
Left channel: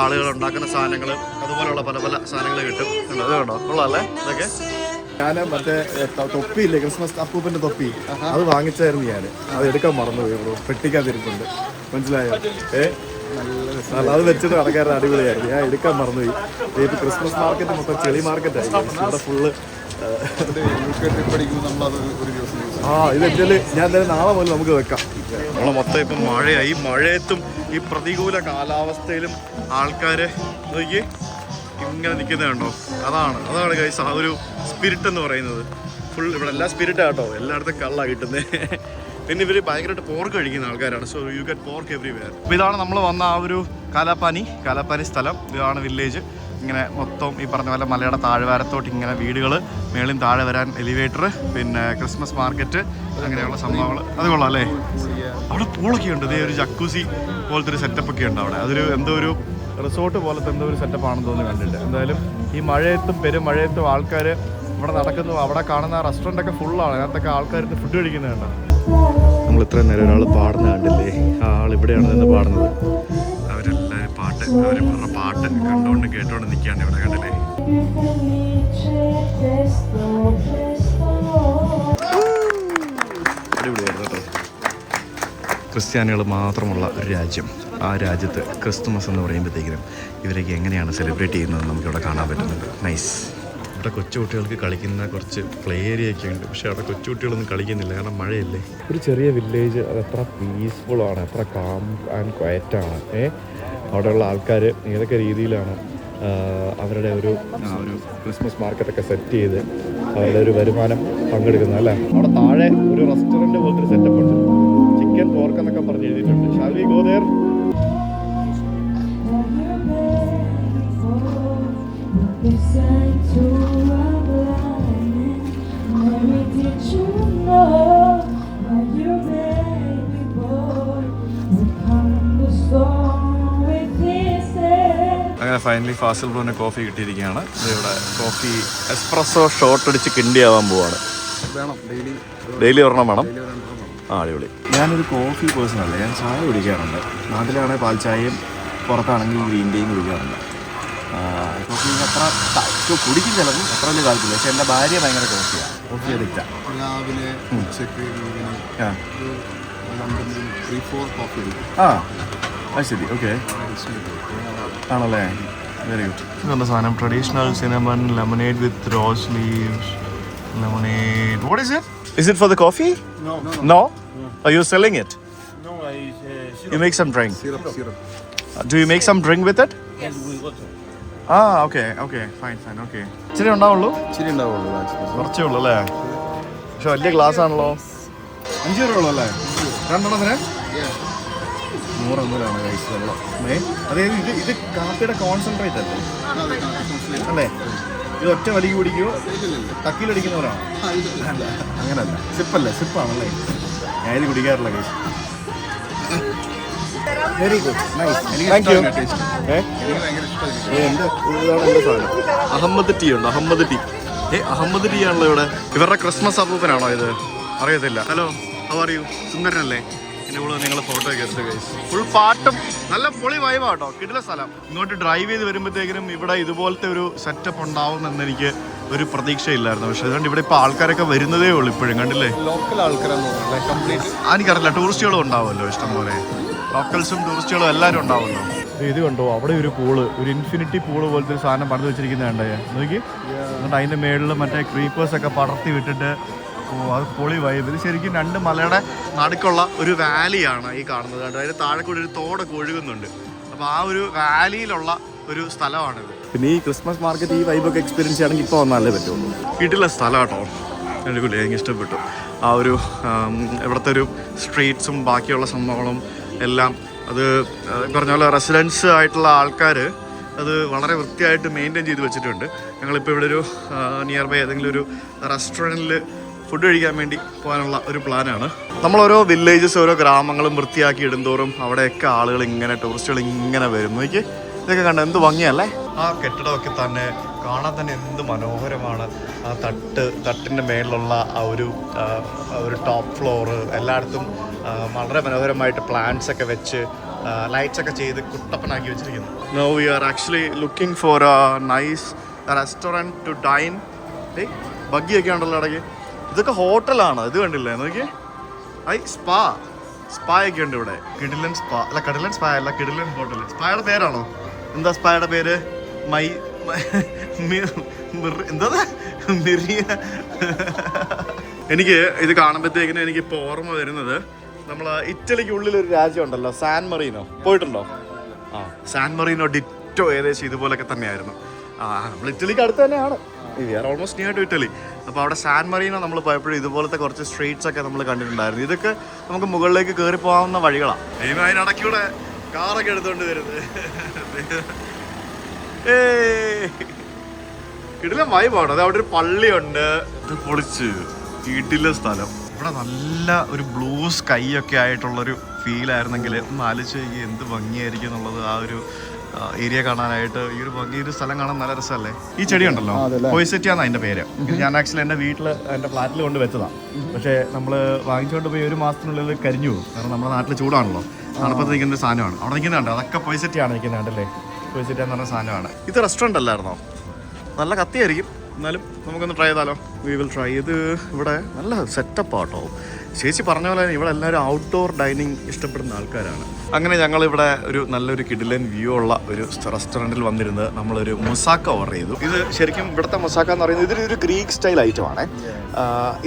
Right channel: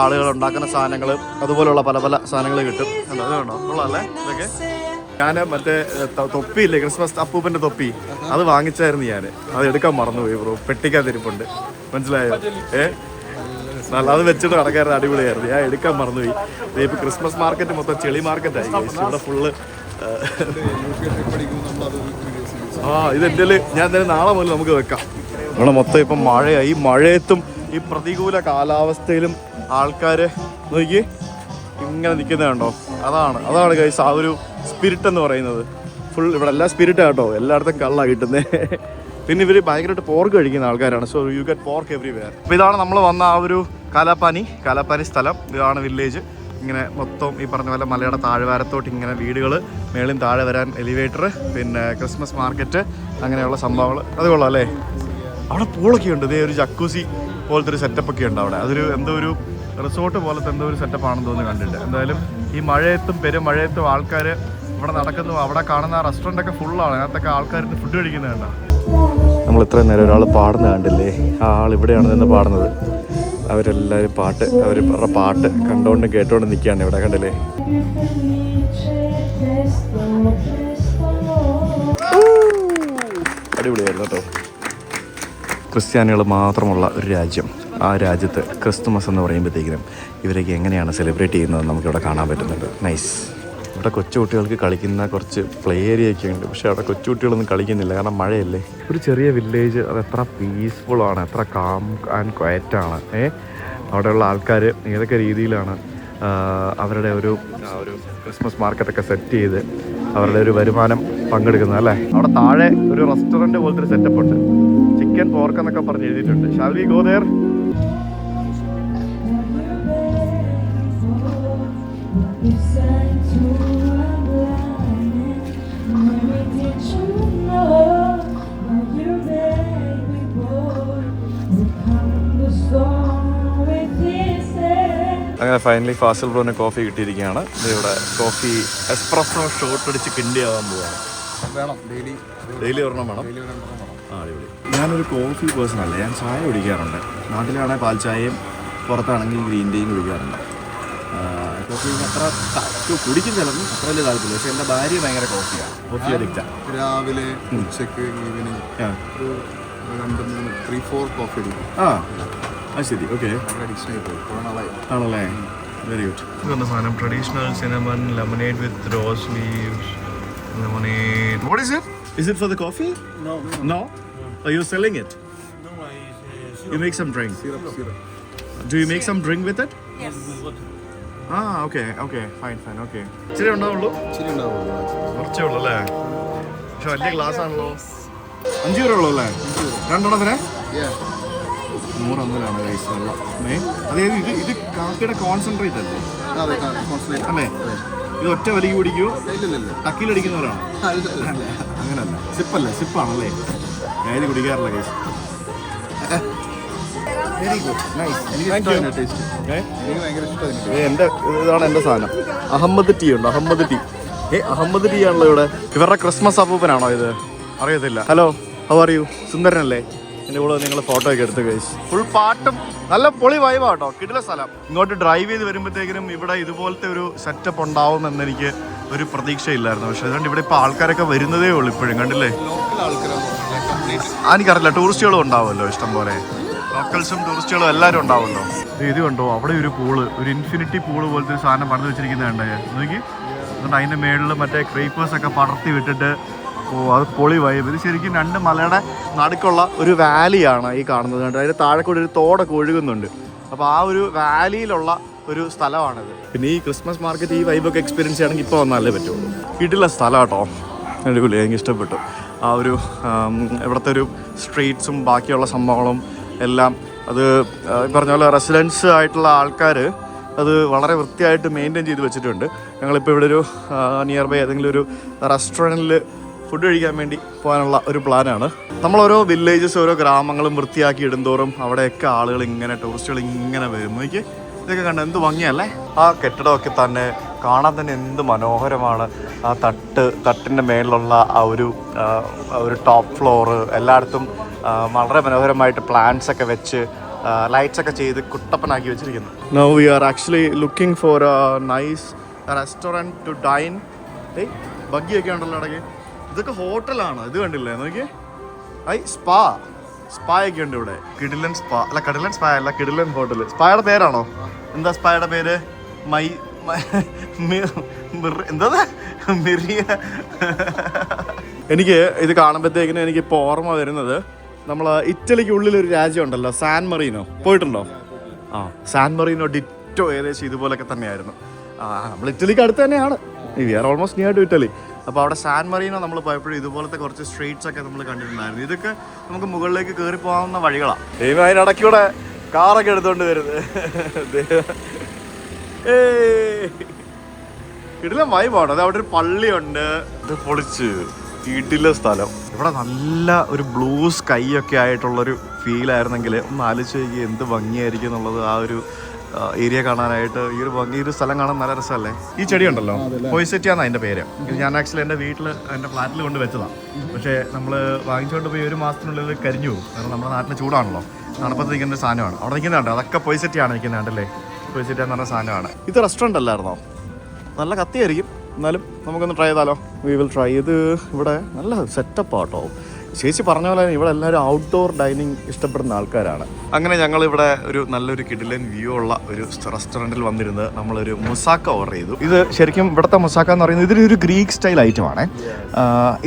ആളുകൾ ഉണ്ടാക്കുന്ന സാധനങ്ങൾ, അതുപോലുള്ള പല പല സാധനങ്ങൾ കിട്ടും. ഉണ്ടോ? അത് വേണ്ടോ? കൊള്ളാമല്ലേ ഇതൊക്കെ. ഞാൻ മറ്റേ തൊപ്പിയില്ലേ, ക്രിസ്മസ് അപ്പൂപ്പൻ്റെ തൊപ്പി, അത് വാങ്ങിച്ചായിരുന്നു ഞാൻ. അത് എടുക്കാൻ മറന്നുപോയി ബ്രോ. പെട്ടിക്കാൻ തിരിപ്പുണ്ട്. മനസ്സിലായോ? നല്ല അത് വെച്ചിട്ട് നടക്കാറുണ്ട്. അടിപൊളിയായിരുന്നു. ഞാൻ എടുക്കാൻ മറന്നുപോയി. ഇപ്പോൾ ക്രിസ്മസ് മാർക്കറ്റ് മൊത്തം ചെളി മാർക്കറ്റായി. ഇവിടെ ഫുള്ള് ഇതെൻ്റെ ഞാൻ എന്തായാലും നാളെ മുതൽ നമുക്ക് വെക്കാം. ഇവിടെ മൊത്തം ഇപ്പം മഴയായി. മഴയത്തും ഈ പ്രതികൂല കാലാവസ്ഥയിലും ആൾക്കാർ നോക്കി ഇങ്ങനെ നിൽക്കുന്നതുണ്ടോ? അതാണ് ഗൈസ് ആ ഒരു സ്പിരിറ്റ് എന്ന് പറയുന്നത്. ഫുൾ ഇവിടെ എല്ലാം സ്പിരിറ്റ് കേട്ടോ. എല്ലായിടത്തും കള്ളാണ് കിട്ടുന്നത്. പിന്നെ ഇവർ ഭയങ്കരമായിട്ട് പോർക്ക് കഴിക്കുന്ന ആൾക്കാരാണ്. So you get pork everywhere. അപ്പോൾ ഇതാണ് നമ്മൾ വന്ന ആ ഒരു കാലാപ്പാനി സ്ഥലം. ഇതാണ് വില്ലേജ്. ഇങ്ങനെ മൊത്തം ഈ പറഞ്ഞ പോലെ മലയുടെ താഴ്വാരത്തോട്ട് ഇങ്ങനെ വീടുകൾ, മേളിൽ താഴെ വരാൻ എലിവേറ്റർ, പിന്നെ ക്രിസ്മസ് മാർക്കറ്റ്, അങ്ങനെയുള്ള സംഭവങ്ങൾ. അത് കൊള്ളാം അല്ലേ? അവിടെ പൂളൊക്കെ ഉണ്ട്. ഇതേ ഒരു ജക്കൂസി പോലത്തെ ഒരു സെറ്റപ്പ് ഒക്കെ ഉണ്ട് അവിടെ. അതൊരു എന്തോ ഒരു റിസോർട്ട് പോലത്തെ എന്തോ ഒരു സെറ്റപ്പാണെന്ന് തോന്നുന്നു കണ്ടിട്ട്. എന്തായാലും ഈ മഴയത്തും പെരുമഴയത്തും ആൾക്കാർ ഇവിടെ നടക്കുന്നു. അവിടെ കാണുന്ന റെസ്റ്റോറൻ്റൊക്കെ ഫുള്ളാണ്. അതിനകത്തൊക്കെ ആൾക്കാർക്ക് ഫുഡ് കഴിക്കുന്നത് കണ്ട. നമ്മൾ ഇത്രയും നേരം ഒരാൾ പാടുന്നത് കണ്ടില്ലേ? ആ ആൾ ഇവിടെയാണ് നിന്ന് പാടുന്നത്. അവരെല്ലാവരും അവരുടെ പാട്ട് കണ്ടുകൊണ്ട് കേട്ടുകൊണ്ട് നിൽക്കുകയാണ് ഇവിടെ. കണ്ടില്ലേ? അടിപൊളിയായിരുന്നു കേട്ടോ. ക്രിസ്ത്യാനികൾ മാത്രമുള്ള ഒരു രാജ്യം. ആ രാജ്യത്ത് ക്രിസ്തുമസ് എന്ന് പറയുമ്പോഴത്തേക്കിനും ഇവരൊക്കെ എങ്ങനെയാണ് സെലിബ്രേറ്റ് ചെയ്യുന്നത് നമുക്കിവിടെ കാണാൻ പറ്റുന്നുണ്ട്. നൈസ്. ഇവിടെ കൊച്ചുകുട്ടികൾക്ക് കളിക്കുന്ന കുറച്ച് പ്ലേ ഏരിയ ഒക്കെ ഉണ്ട്. പക്ഷേ അവിടെ കൊച്ചുകുട്ടികളൊന്നും കളിക്കുന്നില്ല, കാരണം മഴയല്ലേ. ഒരു ചെറിയ വില്ലേജ്, അത് എത്ര പീസ്ഫുള്ളാണ്, എത്ര കാം ആൻഡ് ക്വയറ്റാണ്. അവിടെയുള്ള ആൾക്കാർ ഏതൊക്കെ രീതിയിലാണ് അവരുടെ ഒരു ക്രിസ്മസ് മാർക്കറ്റൊക്കെ സെറ്റ് ചെയ്ത് അവരുടെ ഒരു വരുമാനം പങ്കെടുക്കുന്നത് അല്ലേ. അവിടെ താഴെ ഒരു റെസ്റ്റോറൻറ്റ് പോലത്തെ ഒരു സെറ്റപ്പ് ഉണ്ട്. ചിക്കൻ പോർക്ക് എന്നൊക്കെ പറഞ്ഞ് എഴുതിയിട്ടുണ്ട്. Shall we go there? അങ്ങനെ ഫൈനലി ഫാസിൽ ബ്രോന് കോഫി കിട്ടിയിരിക്കുകയാണ്. ഇവിടെ കോഫി എസ്പ്രസോ ഷോർട്ട് അടിച്ച് കിണ്ടിയാവാൻ പോവാണ്. ഡെയിലി ഒരെണ്ണം വേണം. അടിപൊളി. ഞാനൊരു കോഫി പേഴ്സൺ അല്ല, ഞാൻ ചായ കുടിക്കാറുണ്ട്. നാട്ടിലാണെങ്കിൽ പാൽ ചായയും പുറത്താണെങ്കിൽ ഗ്രീൻ ടീയും കുടിക്കാറുണ്ട്. കോഫി അത്ര കുടിക്കും ചിലപ്പോൾ, അത്ര വലിയ താല്പര്യമില്ല. പക്ഷെ എൻ്റെ ഭാര്യ ഭയങ്കര കോഫി അഡിക്റ്റാണ്. രാവിലെ ഉച്ചക്ക് ഈവനിങ് 3-4 കോഫി കുടിക്കും. ശരി, ഓക്കെ. ആണല്ലേ? Very good. ഇതുള്ള സാധനം traditional cinnamon lemonade with rose leaves lemonade. What is it? Is it for the coffee? No? Are you selling it? No, You make some drink. Syrup. Do you make some drink with it? Yes. Okay. Fine. Okay. ഇച്ചിരി ഉണ്ടാവുള്ളൂ? ഇച്ചിരി ഉണ്ടാവുള്ളൂ. കുറച്ചേ ഉള്ളൂ അല്ലേ? പക്ഷെ വലിയ glass ആണല്ലോ. 5 രൂപ ഉള്ളൂ അല്ലേ? 2 Yeah. 100 ml ആണ് ഗൈസ് വെള്ളം. അതായത് ഇത് കാപ്പിയുടെ കോൺസെൻട്രേറ്റ് അല്ലേ? അല്ലേ? ഇത് ഒറ്റ വലി കുടിക്കുമോ? ടക്കിലടിക്കുന്നവരാണോ? അങ്ങനല്ല, സിപ്പാണല്ലേ? ഞാൻ ഇത് കുടിക്കാറില്ല ഗൈസ്. Very good, nice. എനിക്ക് ഭയങ്കര ഇഷ്ടമായി. എൻ്റെ ഇതാണ് എൻ്റെ സാധനം. അഹമ്മദ് ടീ ഉണ്ടോ? അഹമ്മദ് ടീ. അഹമ്മദ് ടീ ആണല്ലോ ഇവിടെ. ഇവരുടെ ക്രിസ്മസ് അപ്പൂപ്പനാണോ ഇത്? അറിയത്തില്ല. Hello, how are you? സുന്ദരനല്ലേ? എൻ്റെ കൂടെ നിങ്ങൾ ഫോട്ടോ ഒക്കെ എടുത്ത് ഗൈസ്. ഫുൾ പാട്ടും നല്ല പൊളി വൈബാ കേട്ടോ. കിടില സ്ഥലം. ഇങ്ങോട്ട് ഡ്രൈവ് ചെയ്ത് വരുമ്പോഴത്തേക്കിനും ഇവിടെ ഇതുപോലത്തെ ഒരു സെറ്റപ്പ് ഉണ്ടാവുമെന്ന് എനിക്ക് ഒരു പ്രതീക്ഷയില്ലായിരുന്നു. പക്ഷേ അതുകൊണ്ട് ഇവിടെ ഇപ്പോൾ ആൾക്കാരൊക്കെ വരുന്നതേ ഉള്ളൂ ഇപ്പോഴും. കണ്ടില്ലേ? എനിക്കറിയില്ല, ടൂറിസ്റ്റുകളും ഉണ്ടാവുമല്ലോ ഇഷ്ടം പോലെ. ലോക്കൽസും ടൂറിസ്റ്റുകളും എല്ലാവരും ഉണ്ടാവുമല്ലോ. ഇത് കണ്ടോ, അവിടെ ഒരു പൂള്, ഒരു ഇൻഫിനിറ്റി പൂള് പോലത്തെ ഒരു സാധനം പണിത് വെച്ചിരിക്കുന്നത് കണ്ടേ നോക്കി. എന്നിട്ട് അതിൻ്റെ മേളിൽ മറ്റേ ക്രീപ്പേഴ്സൊക്കെ പടർത്തി വിട്ടിട്ട്, അത് പൊളി വൈബ്. ഇത് ശരിക്കും 2 മലയുടെ നടുക്കുള്ള ഒരു വാലിയാണ് ഈ കാണുന്നത്. കണ്ടോ, അതിൻ്റെ താഴെ കൂടി ഒരു തോടൊക്കെ ഒഴുകുന്നുണ്ട്. അപ്പോൾ ആ ഒരു വാലിയിലുള്ള ഒരു സ്ഥലമാണിത്. പിന്നെ ഈ ക്രിസ്മസ് മാർക്കറ്റ് ഈ വൈബൊക്കെ എക്സ്പീരിയൻസ് ചെയ്യണമെങ്കിൽ ഇപ്പോൾ വന്നാലേ പറ്റുള്ളൂ. കിട്ടില്ല സ്ഥലം കേട്ടോ. അടിപൊളി, എനിക്ക് ഇഷ്ടപ്പെട്ടു. ആ ഒരു ഇവിടുത്തെ ഒരു സ്ട്രീറ്റ്സും ബാക്കിയുള്ള സംഭവങ്ങളും എല്ലാം. അത് പറഞ്ഞ പോലെ റെസിഡൻസ് ആയിട്ടുള്ള ആൾക്കാർ അത് വളരെ വൃത്തിയായിട്ട് മെയിൻറ്റെയിൻ ചെയ്ത് വെച്ചിട്ടുണ്ട്. ഞങ്ങളിപ്പോൾ ഇവിടെ ഒരു നിയർ ബൈ ഏതെങ്കിലും ഒരു റെസ്റ്റോറൻറ്റിൽ ഫുഡ് കഴിക്കാൻ വേണ്ടി പോകാനുള്ള ഒരു പ്ലാനാണ്. നമ്മളോരോ വില്ലേജസ്, ഓരോ ഗ്രാമങ്ങളും വൃത്തിയാക്കി ഇടുന്തോറും അവിടെയൊക്കെ ആളുകൾ ഇങ്ങനെ, ടൂറിസ്റ്റുകൾ ഇങ്ങനെ വരും. നോക്കി, ഇതൊക്കെ കണ്ട എന്ത് ഭംഗിയല്ലേ? ആ കെട്ടിടമൊക്കെ തന്നെ കാണാൻ തന്നെ എന്ത് മനോഹരമാണ്. ആ തട്ടിൻ്റെ മേളിലുള്ള ആ ഒരു ടോപ്പ് ഫ്ലോറ് എല്ലായിടത്തും വളരെ മനോഹരമായിട്ട് പ്ലാന്റ്സ് ഒക്കെ വെച്ച് ലൈറ്റ്സ് ഒക്കെ ചെയ്ത് കുട്ടപ്പനാക്കി വെച്ചിരിക്കുന്നു. Now we are actually looking for a nice restaurant to dine. ബഗ്ഗിയൊക്കെ ഉണ്ടല്ലോ ഇടയ്ക്ക്. ഇതൊക്കെ ഹോട്ടലാണ്. ഇത് കണ്ടില്ലേ നോക്കിയേ? സ്പായൊക്കെ ഉണ്ട് ഇവിടെ. കിടിലൻ സ്പാ അല്ല, കിടിലൻ സ്പാ അല്ല, കിടിലൻ ഹോട്ടൽ. സ്പായുടെ പേരാണോ? എന്താ സ്പായുടെ പേര്? എന്താ മിറിയ. എനിക്ക് ഇത് കാണുമ്പോഴത്തേക്കിനും എനിക്കിപ്പോൾ ഓർമ്മ വരുന്നത്, നമ്മൾ ഇറ്റലിക്ക് ഉള്ളിലൊരു രാജ്യം ഉണ്ടല്ലോ, സാൻ മറീനോ. പോയിട്ടുണ്ടോ? ആ, സാൻ മറീനോ ഡിറ്റോ ഏകദേശം ഇതുപോലൊക്കെ തന്നെയായിരുന്നു. നമ്മൾ ഇറ്റലിക്ക് അടുത്ത് തന്നെയാണ്. We are almost near to Italy. അപ്പോൾ അവിടെ സാൻ മറീനോ നമ്മൾ പോയപ്പോഴും ഇതുപോലത്തെ കുറച്ച് സ്ട്രീറ്റ്സ് ഒക്കെ നമ്മൾ കണ്ടിട്ടുണ്ടായിരുന്നു. ഇതൊക്കെ നമുക്ക് മുകളിലേക്ക് കയറി പോകാവുന്ന വഴികളാണ്. ദൈവം അതിനിടയ്ക്കൂടെ കാറൊക്കെ എടുത്തുകൊണ്ട് വരുന്നത്. കിടില വൈബാണ്. അത് അവിടെ ഒരു പള്ളിയുണ്ട്. ഇത് പൊളിച്ച് കിടില സ്ഥലം. ഇവിടെ നല്ല ഒരു ബ്ലൂ സ്കൈ ഒക്കെ ആയിട്ടുള്ളൊരു ഫീലായിരുന്നെങ്കിൽ ഒന്ന് ആലോചിച്ച് നോക്കി എന്ത് ഭംഗിയായിരിക്കും എന്നുള്ളത്. ആ ഒരു ഏരിയ കാണാനായിട്ട് ഈ ഒരു സ്ഥലം കാണാൻ നല്ല രസമല്ലേ? ഈ ചെടി ഉണ്ടല്ലോ, പോയിസെറ്റിയാന്ന് അതിൻ്റെ പേര്. ഇത് ഞാൻ ആക്ച്വലി എൻ്റെ വീട്ടിൽ, എൻ്റെ ഫ്ലാറ്റിൽ കൊണ്ട് വെച്ചതാണ്. പക്ഷേ നമ്മൾ വാങ്ങിച്ചുകൊണ്ട് പോയി 1 മാസത്തിനുള്ളിൽ കരിഞ്ഞു പോകും. കാരണം നമ്മുടെ നാട്ടിൽ ചൂടാണല്ലോ. തണുപ്പത്ത് നിൽക്കുന്ന ഒരു സാധനമാണ്. അവിടെ നിൽക്കുന്നുണ്ട്, അതൊക്കെ പോയിസെറ്റിയാണ് നിൽക്കുന്നുണ്ടല്ലേ. പോയിസെറ്റിയ എന്ന് പറഞ്ഞ സാധനമാണ്. ഇത് റെസ്റ്റോറൻ്റ് അല്ലായിരുന്നോ? നല്ല കത്തിയായിരിക്കും, എന്നാലും നമുക്കൊന്ന് ട്രൈ ചെയ്താലോ? We will try. ഇത് ഇവിടെ നല്ല സെറ്റപ്പാട്ടോ. ചേച്ചി പറഞ്ഞ പോലെ ഇവിടെ എല്ലാവരും ഔട്ട്ഡോർ ഡൈനിങ് ഇഷ്ടപ്പെടുന്ന ആൾക്കാരാണ്. അങ്ങനെ ഞങ്ങളിവിടെ ഒരു നല്ലൊരു കിടിലൻ വ്യൂ ഉള്ള ഒരു റെസ്റ്റോറൻറ്റിൽ വന്നിരുന്ന് നമ്മളൊരു മുസാക്ക ഓർഡർ ചെയ്തു. ഇത് ശരിക്കും ഇവിടുത്തെ മുസാക്ക എന്ന് പറയുന്നത് ഇതൊരു ഗ്രീക്ക് സ്റ്റൈൽ ഐറ്റമാണ്.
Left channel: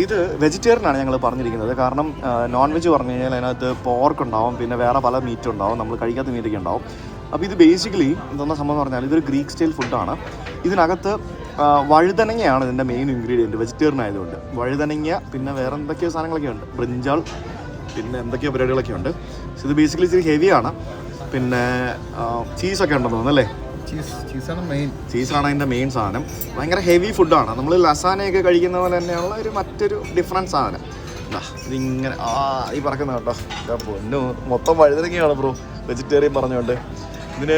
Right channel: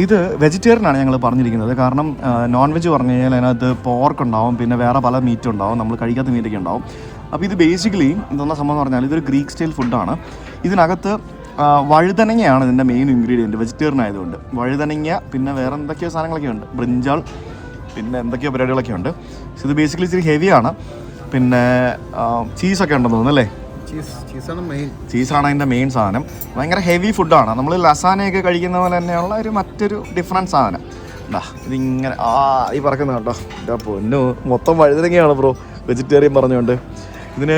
ഇത് വെജിറ്റേറിയൻ ആണ് ഞങ്ങൾ പറഞ്ഞിരിക്കുന്നത്. കാരണം നോൺ വെജ് പറഞ്ഞു കഴിഞ്ഞാൽ അതിനകത്ത് പോർക്ക് ഉണ്ടാവും, പിന്നെ വേറെ പല മീറ്റ് ഉണ്ടാവും, നമ്മൾ കഴിക്കാത്ത മീറ്റൊക്കെ ഉണ്ടാവും. അപ്പോൾ ഇത് ബേസിക്കലി എന്താ സംഭവം എന്ന് പറഞ്ഞാൽ ഇതൊരു ഗ്രീക്ക് സ്റ്റൈൽ ഫുഡാണ്. ഇതിനകത്ത് വഴുതനങ്ങയാണ് ഇതിൻ്റെ മെയിൻ ഇൻഗ്രീഡിയൻറ്റ്, വെജിറ്റേറിയൻ ആയതുകൊണ്ട്. വഴുതനങ്ങ, പിന്നെ വേറെ എന്തൊക്കെയോ സാധനങ്ങളൊക്കെ ഉണ്ട്, ബ്രിഞ്ചാൾ, പിന്നെ എന്തൊക്കെയോ പരിപാടികളൊക്കെ ഉണ്ട്. ഇത് ബേസിക്കലി ഇച്ചിരി ഹെവിയാണ്. പിന്നെ ചീസൊക്കെ ഉണ്ടെന്ന് തോന്നുന്നു അല്ലേ? ചീസാണ് അതിൻ്റെ മെയിൻ സാധനം. ഭയങ്കര ഹെവി ഫുഡാണ്. നമ്മൾ ലസാനയൊക്കെ കഴിക്കുന്ന പോലെ തന്നെയുള്ള മറ്റൊരു ഡിഫറൻറ്റ് സാധനം. ഇതിങ്ങനെ ഈ പറക്കുന്ന കേട്ടോ. പൊന്നു, മൊത്തം വഴുതനങ്ങയാണ് ബ്രോ, വെജിറ്റേറിയൻ പറഞ്ഞുകൊണ്ട്. ഇതിന്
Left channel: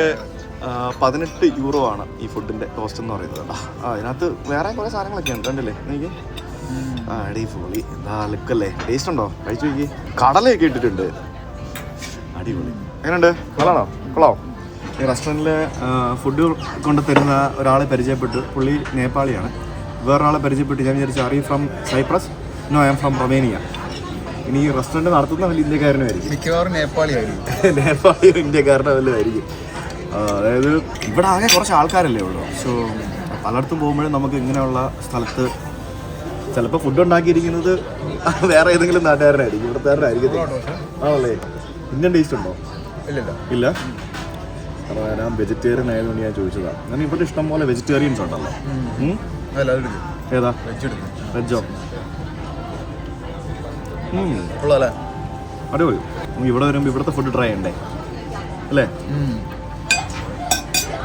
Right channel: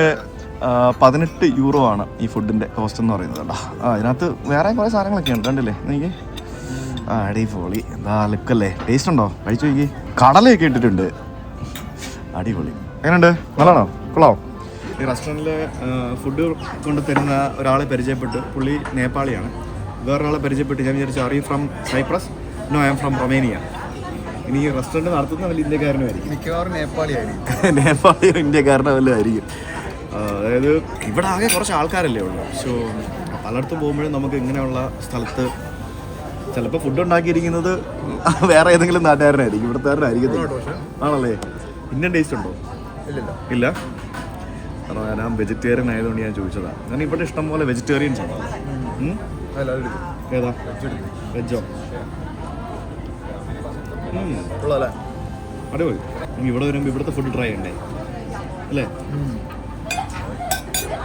18 യൂറോ ആണ് ഈ ഫുഡിൻ്റെ കോസ്റ്റ് എന്ന് പറയുന്നത്. ഇതിനകത്ത് വേറെ കുറേ സാധനങ്ങളൊക്കെ ഉണ്ട്, കണ്ടില്ലേ എനിക്ക്? അടിപൊളി. എന്താ ലുക്കല്ലേ? ടേസ്റ്റ് ഉണ്ടോ? കഴിച്ചു നോക്കി. കടലയൊക്കെ ഇട്ടിട്ടുണ്ട്. അടിപൊളി. എങ്ങനെയുണ്ട്? കൊള്ളാണോ? കൊള്ളാം. ഈ റെസ്റ്റോറൻറ്റിൽ ഫുഡ് കൊണ്ട് തരുന്ന ഒരാളെ പരിചയപ്പെട്ടു. പുള്ളി നേപ്പാളിയാണ്. വേറൊരാളെ പരിചയപ്പെട്ടു. ഞാൻ വിചാരിച്ചു, are you from Cyprus? No, I am from Romania. ഇനി ഈ റെസ്റ്റോറൻറ്റ് നടത്തുന്ന വലിയ ഇന്ത്യക്കാരനുമായിരിക്കും. മിക്കവാറും നേപ്പാളിയായിരിക്കും. നേപ്പാളിയോ ഇന്ത്യക്കാരനോ വല്ലതും ആയിരിക്കും. അതായത് ഇവിടെ ആകെ കുറച്ച് ആൾക്കാരല്ലേ ഉള്ളൂ. സോ പലയിടത്തും പോകുമ്പോഴും നമുക്ക് ഇങ്ങനെയുള്ള സ്ഥലത്ത് ചിലപ്പോൾ ഫുഡ് ഉണ്ടാക്കിയിരിക്കുന്നത് വേറെ ഏതെങ്കിലും നാട്ടുകാരനായിരിക്കും, ഇവിടുത്തുകാരനായിരിക്കും. ആണല്ലേ? ഇന്ത്യൻ ടേസ്റ്റ് ഉണ്ടോ? ഇല്ല. കാരണം ഞാൻ വെജിറ്റേറിയൻ ആയതുകൊണ്ട് ഞാൻ ചോദിച്ചതാണ്. ഞാൻ ഇവിടെ ഇഷ്ടം പോലെ വെജിറ്റേറിയൻസ് ഉണ്ടല്ലോ. ഏതാ? വെജോ? അടിപൊളി. ഇവിടെ വരുമ്പോൾ ഇവിടുത്തെ ഫുഡ് ട്രൈ ചെയ്യണ്ടേ? അല്ലേ?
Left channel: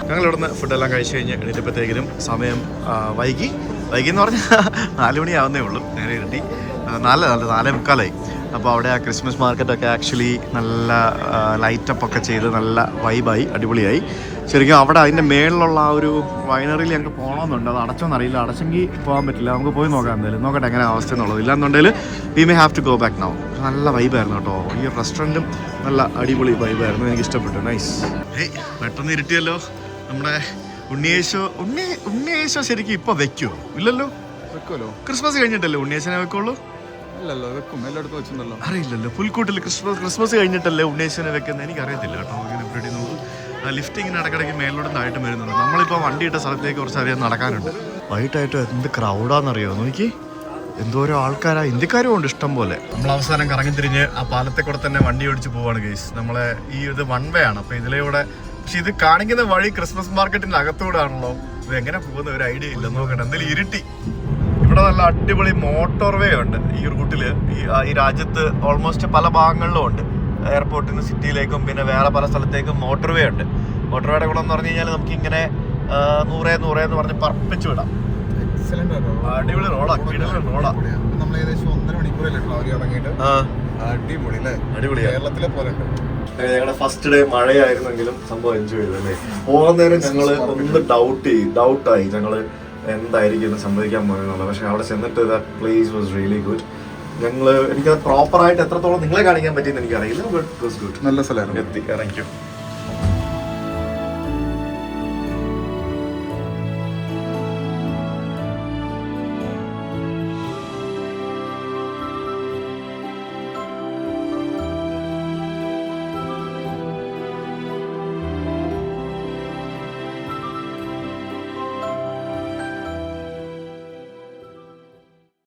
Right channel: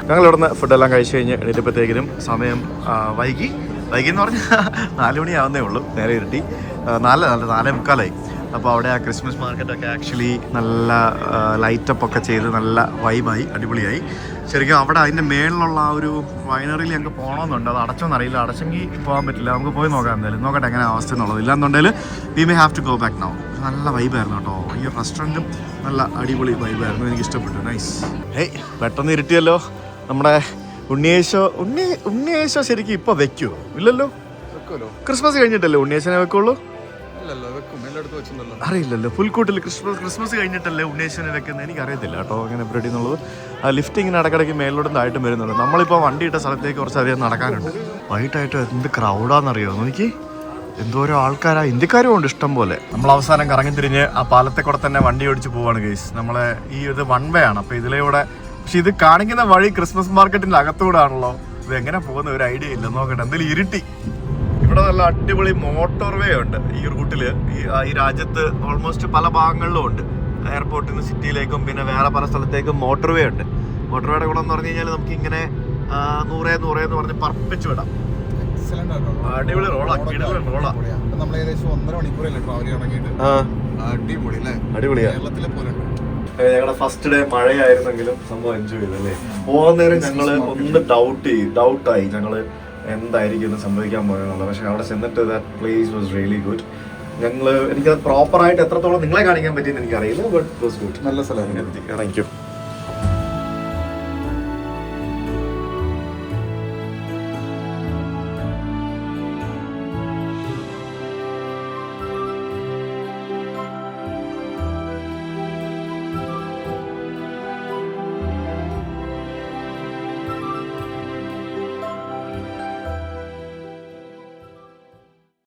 ഞങ്ങൾ ഇവിടുന്ന് ഫുഡെല്ലാം കഴിച്ച് കഴിഞ്ഞ് എണീറ്റപ്പോഴത്തേക്കിനും സമയം വൈകി എന്ന് പറഞ്ഞാൽ 4 മണിയാവുന്നേ ഉള്ളൂ. നേരെ ഇരുട്ടി 4:45. അപ്പോൾ അവിടെ ആ ക്രിസ്മസ് മാർക്കറ്റൊക്കെ ആക്ച്വലി നല്ല ലൈറ്റപ്പ് ഒക്കെ ചെയ്ത് നല്ല വൈബായി, അടിപൊളിയായി. ശരിക്കും അവിടെ അതിൻ്റെ മേളിലുള്ള ആ ഒരു വൈനറിയിൽ ഞങ്ങൾക്ക് പോകണമെന്നുണ്ട്. അത് അടച്ചോന്നറിയില്ല. അടച്ചെങ്കിൽ പോകാൻ പറ്റില്ല. നമുക്ക് പോയി നോക്കാം എന്തായാലും, നോക്കട്ടെ എങ്ങനെ അവസ്ഥ എന്നുള്ളത്. ഇല്ലാന്നുണ്ടെങ്കിൽ we may have to go back now. നല്ല വൈബായിരുന്നു കേട്ടോ. ഈ റെസ്റ്റോറൻറ്റും നല്ല അടിപൊളി വൈബായിരുന്നു, എനിക്ക് ഇഷ്ടപ്പെട്ടു. നൈസ്. പെട്ടെന്ന് ഇരുട്ടിയല്ലോ. നമ്മുടെ ഉണ്ണിയേശോ ശരിക്കും ഇപ്പോൾ വെക്കുമോ? ഇല്ലല്ലോ, ക്രിസ്മസ് കഴിഞ്ഞിട്ടല്ലേ ഉണ്ണിയേശനെ വെക്കുള്ളൂ? അറിയില്ലല്ലോ. പുൽക്കൂട്ടിൽ ക്രിസ്മസ് കഴിഞ്ഞിട്ടല്ലേ ഉണ്ണിയേശനെ വെക്കുന്നത്? എനിക്കറിയത്തില്ല കേട്ടോ അങ്ങനെ പരിപാടി എന്നുള്ളത്. ആ ലിഫ്റ്റ് ഇങ്ങനെ ഇടയ്ക്കിടയ്ക്ക് മേലോട്ടും വരുന്നുണ്ട്. നമ്മളിപ്പോൾ വണ്ടി ഇട്ട സ്ഥലത്തേക്ക് കുറച്ചധികം നടക്കാനുണ്ട്. വൈകിട്ടായിട്ട് എന്ത് ക്രൗഡാണെന്നറിയോ? നോക്കി, എന്തോരോ ആൾക്കാരാ, ഇന്ത്യക്കാരും ഉണ്ട് ഇഷ്ടം പോലെ. നമ്മൾ അവസാനം കറങ്ങി തിരിഞ്ഞ് ആ പാലത്തെ കൂടെ തന്നെ വണ്ടി ഓടിച്ച് പോവാണ് ഗൈസ്. നമ്മളെ ഈ ഇത് 1 വേ ആണ്. അപ്പോൾ ഇതിലൂടെ, പക്ഷെ ഇത് കാണിക്കുന്ന വഴി ക്രിസ്മസ് മാർക്കറ്റിന്റെ അകത്തൂടെ ആണല്ലോ. ഇത് എങ്ങനെ പോകുന്ന ഒരു ഐഡിയ ഇല്ല. നോക്കട്ടെ, എന്തായാലും ഇരുട്ടി. ഇവിടെ നല്ല അടിപൊളി മോട്ടോർ വേ ഉണ്ട് ഈ റൂട്ടില്. ഈ രാജ്യത്ത് ഓൾമോസ്റ്റ് പല ഭാഗങ്ങളിലും ഉണ്ട്. എയർപോർട്ടിൽ നിന്ന് സിറ്റിയിലേക്കും പിന്നെ വേറെ പല സ്ഥലത്തേക്കും മോട്ടോർ വേ ഉണ്ട്. മോട്ടോർ വേയുടെ ഗുണം എന്ന് പറഞ്ഞു കഴിഞ്ഞാൽ നമുക്ക് ഇങ്ങനെ 100 എന്ന് പറഞ്ഞ് പറപ്പിച്ചു വിടാം. അടിപൊളി റോളാ, കിടലൻ റോളാ. നമ്മൾ ഏകദേശം 1.5 മണിക്കൂറല്ലേ ട്രാവൽ ഇറങ്ങിയിട്ട്. അടിപൊളി അല്ലേ? അടിപൊളിയാ. കേരളത്തിലെ പോലെ. ഞങ്ങളുടെ ഫസ്റ്റ് ഡേ മഴയായിരുന്നെങ്കിലും സംഭവം എൻജോയ് ചെയ്തല്ലേ. പോകുന്ന നേരം ഞങ്ങൾ ഒന്ന് ഡൗട്ടായി ഞങ്ങള് എന്തായിരിക്കും സംഭവിക്കാൻ പോകുന്നത്. പക്ഷെ അവിടെ ചെന്നിട്ട് പ്ലേസ് വാസ് റിയലി ഗുഡ്. എനിക്കത് പ്രോപ്പറായിട്ട് എത്രത്തോളം നിങ്ങളെ കാണിക്കാൻ പറ്റിയെന്ന് എനിക്കറിയില്ല. But it was good. നല്ല സ്ഥലമായിരുന്നു. ഇറങ്ങിക്കും.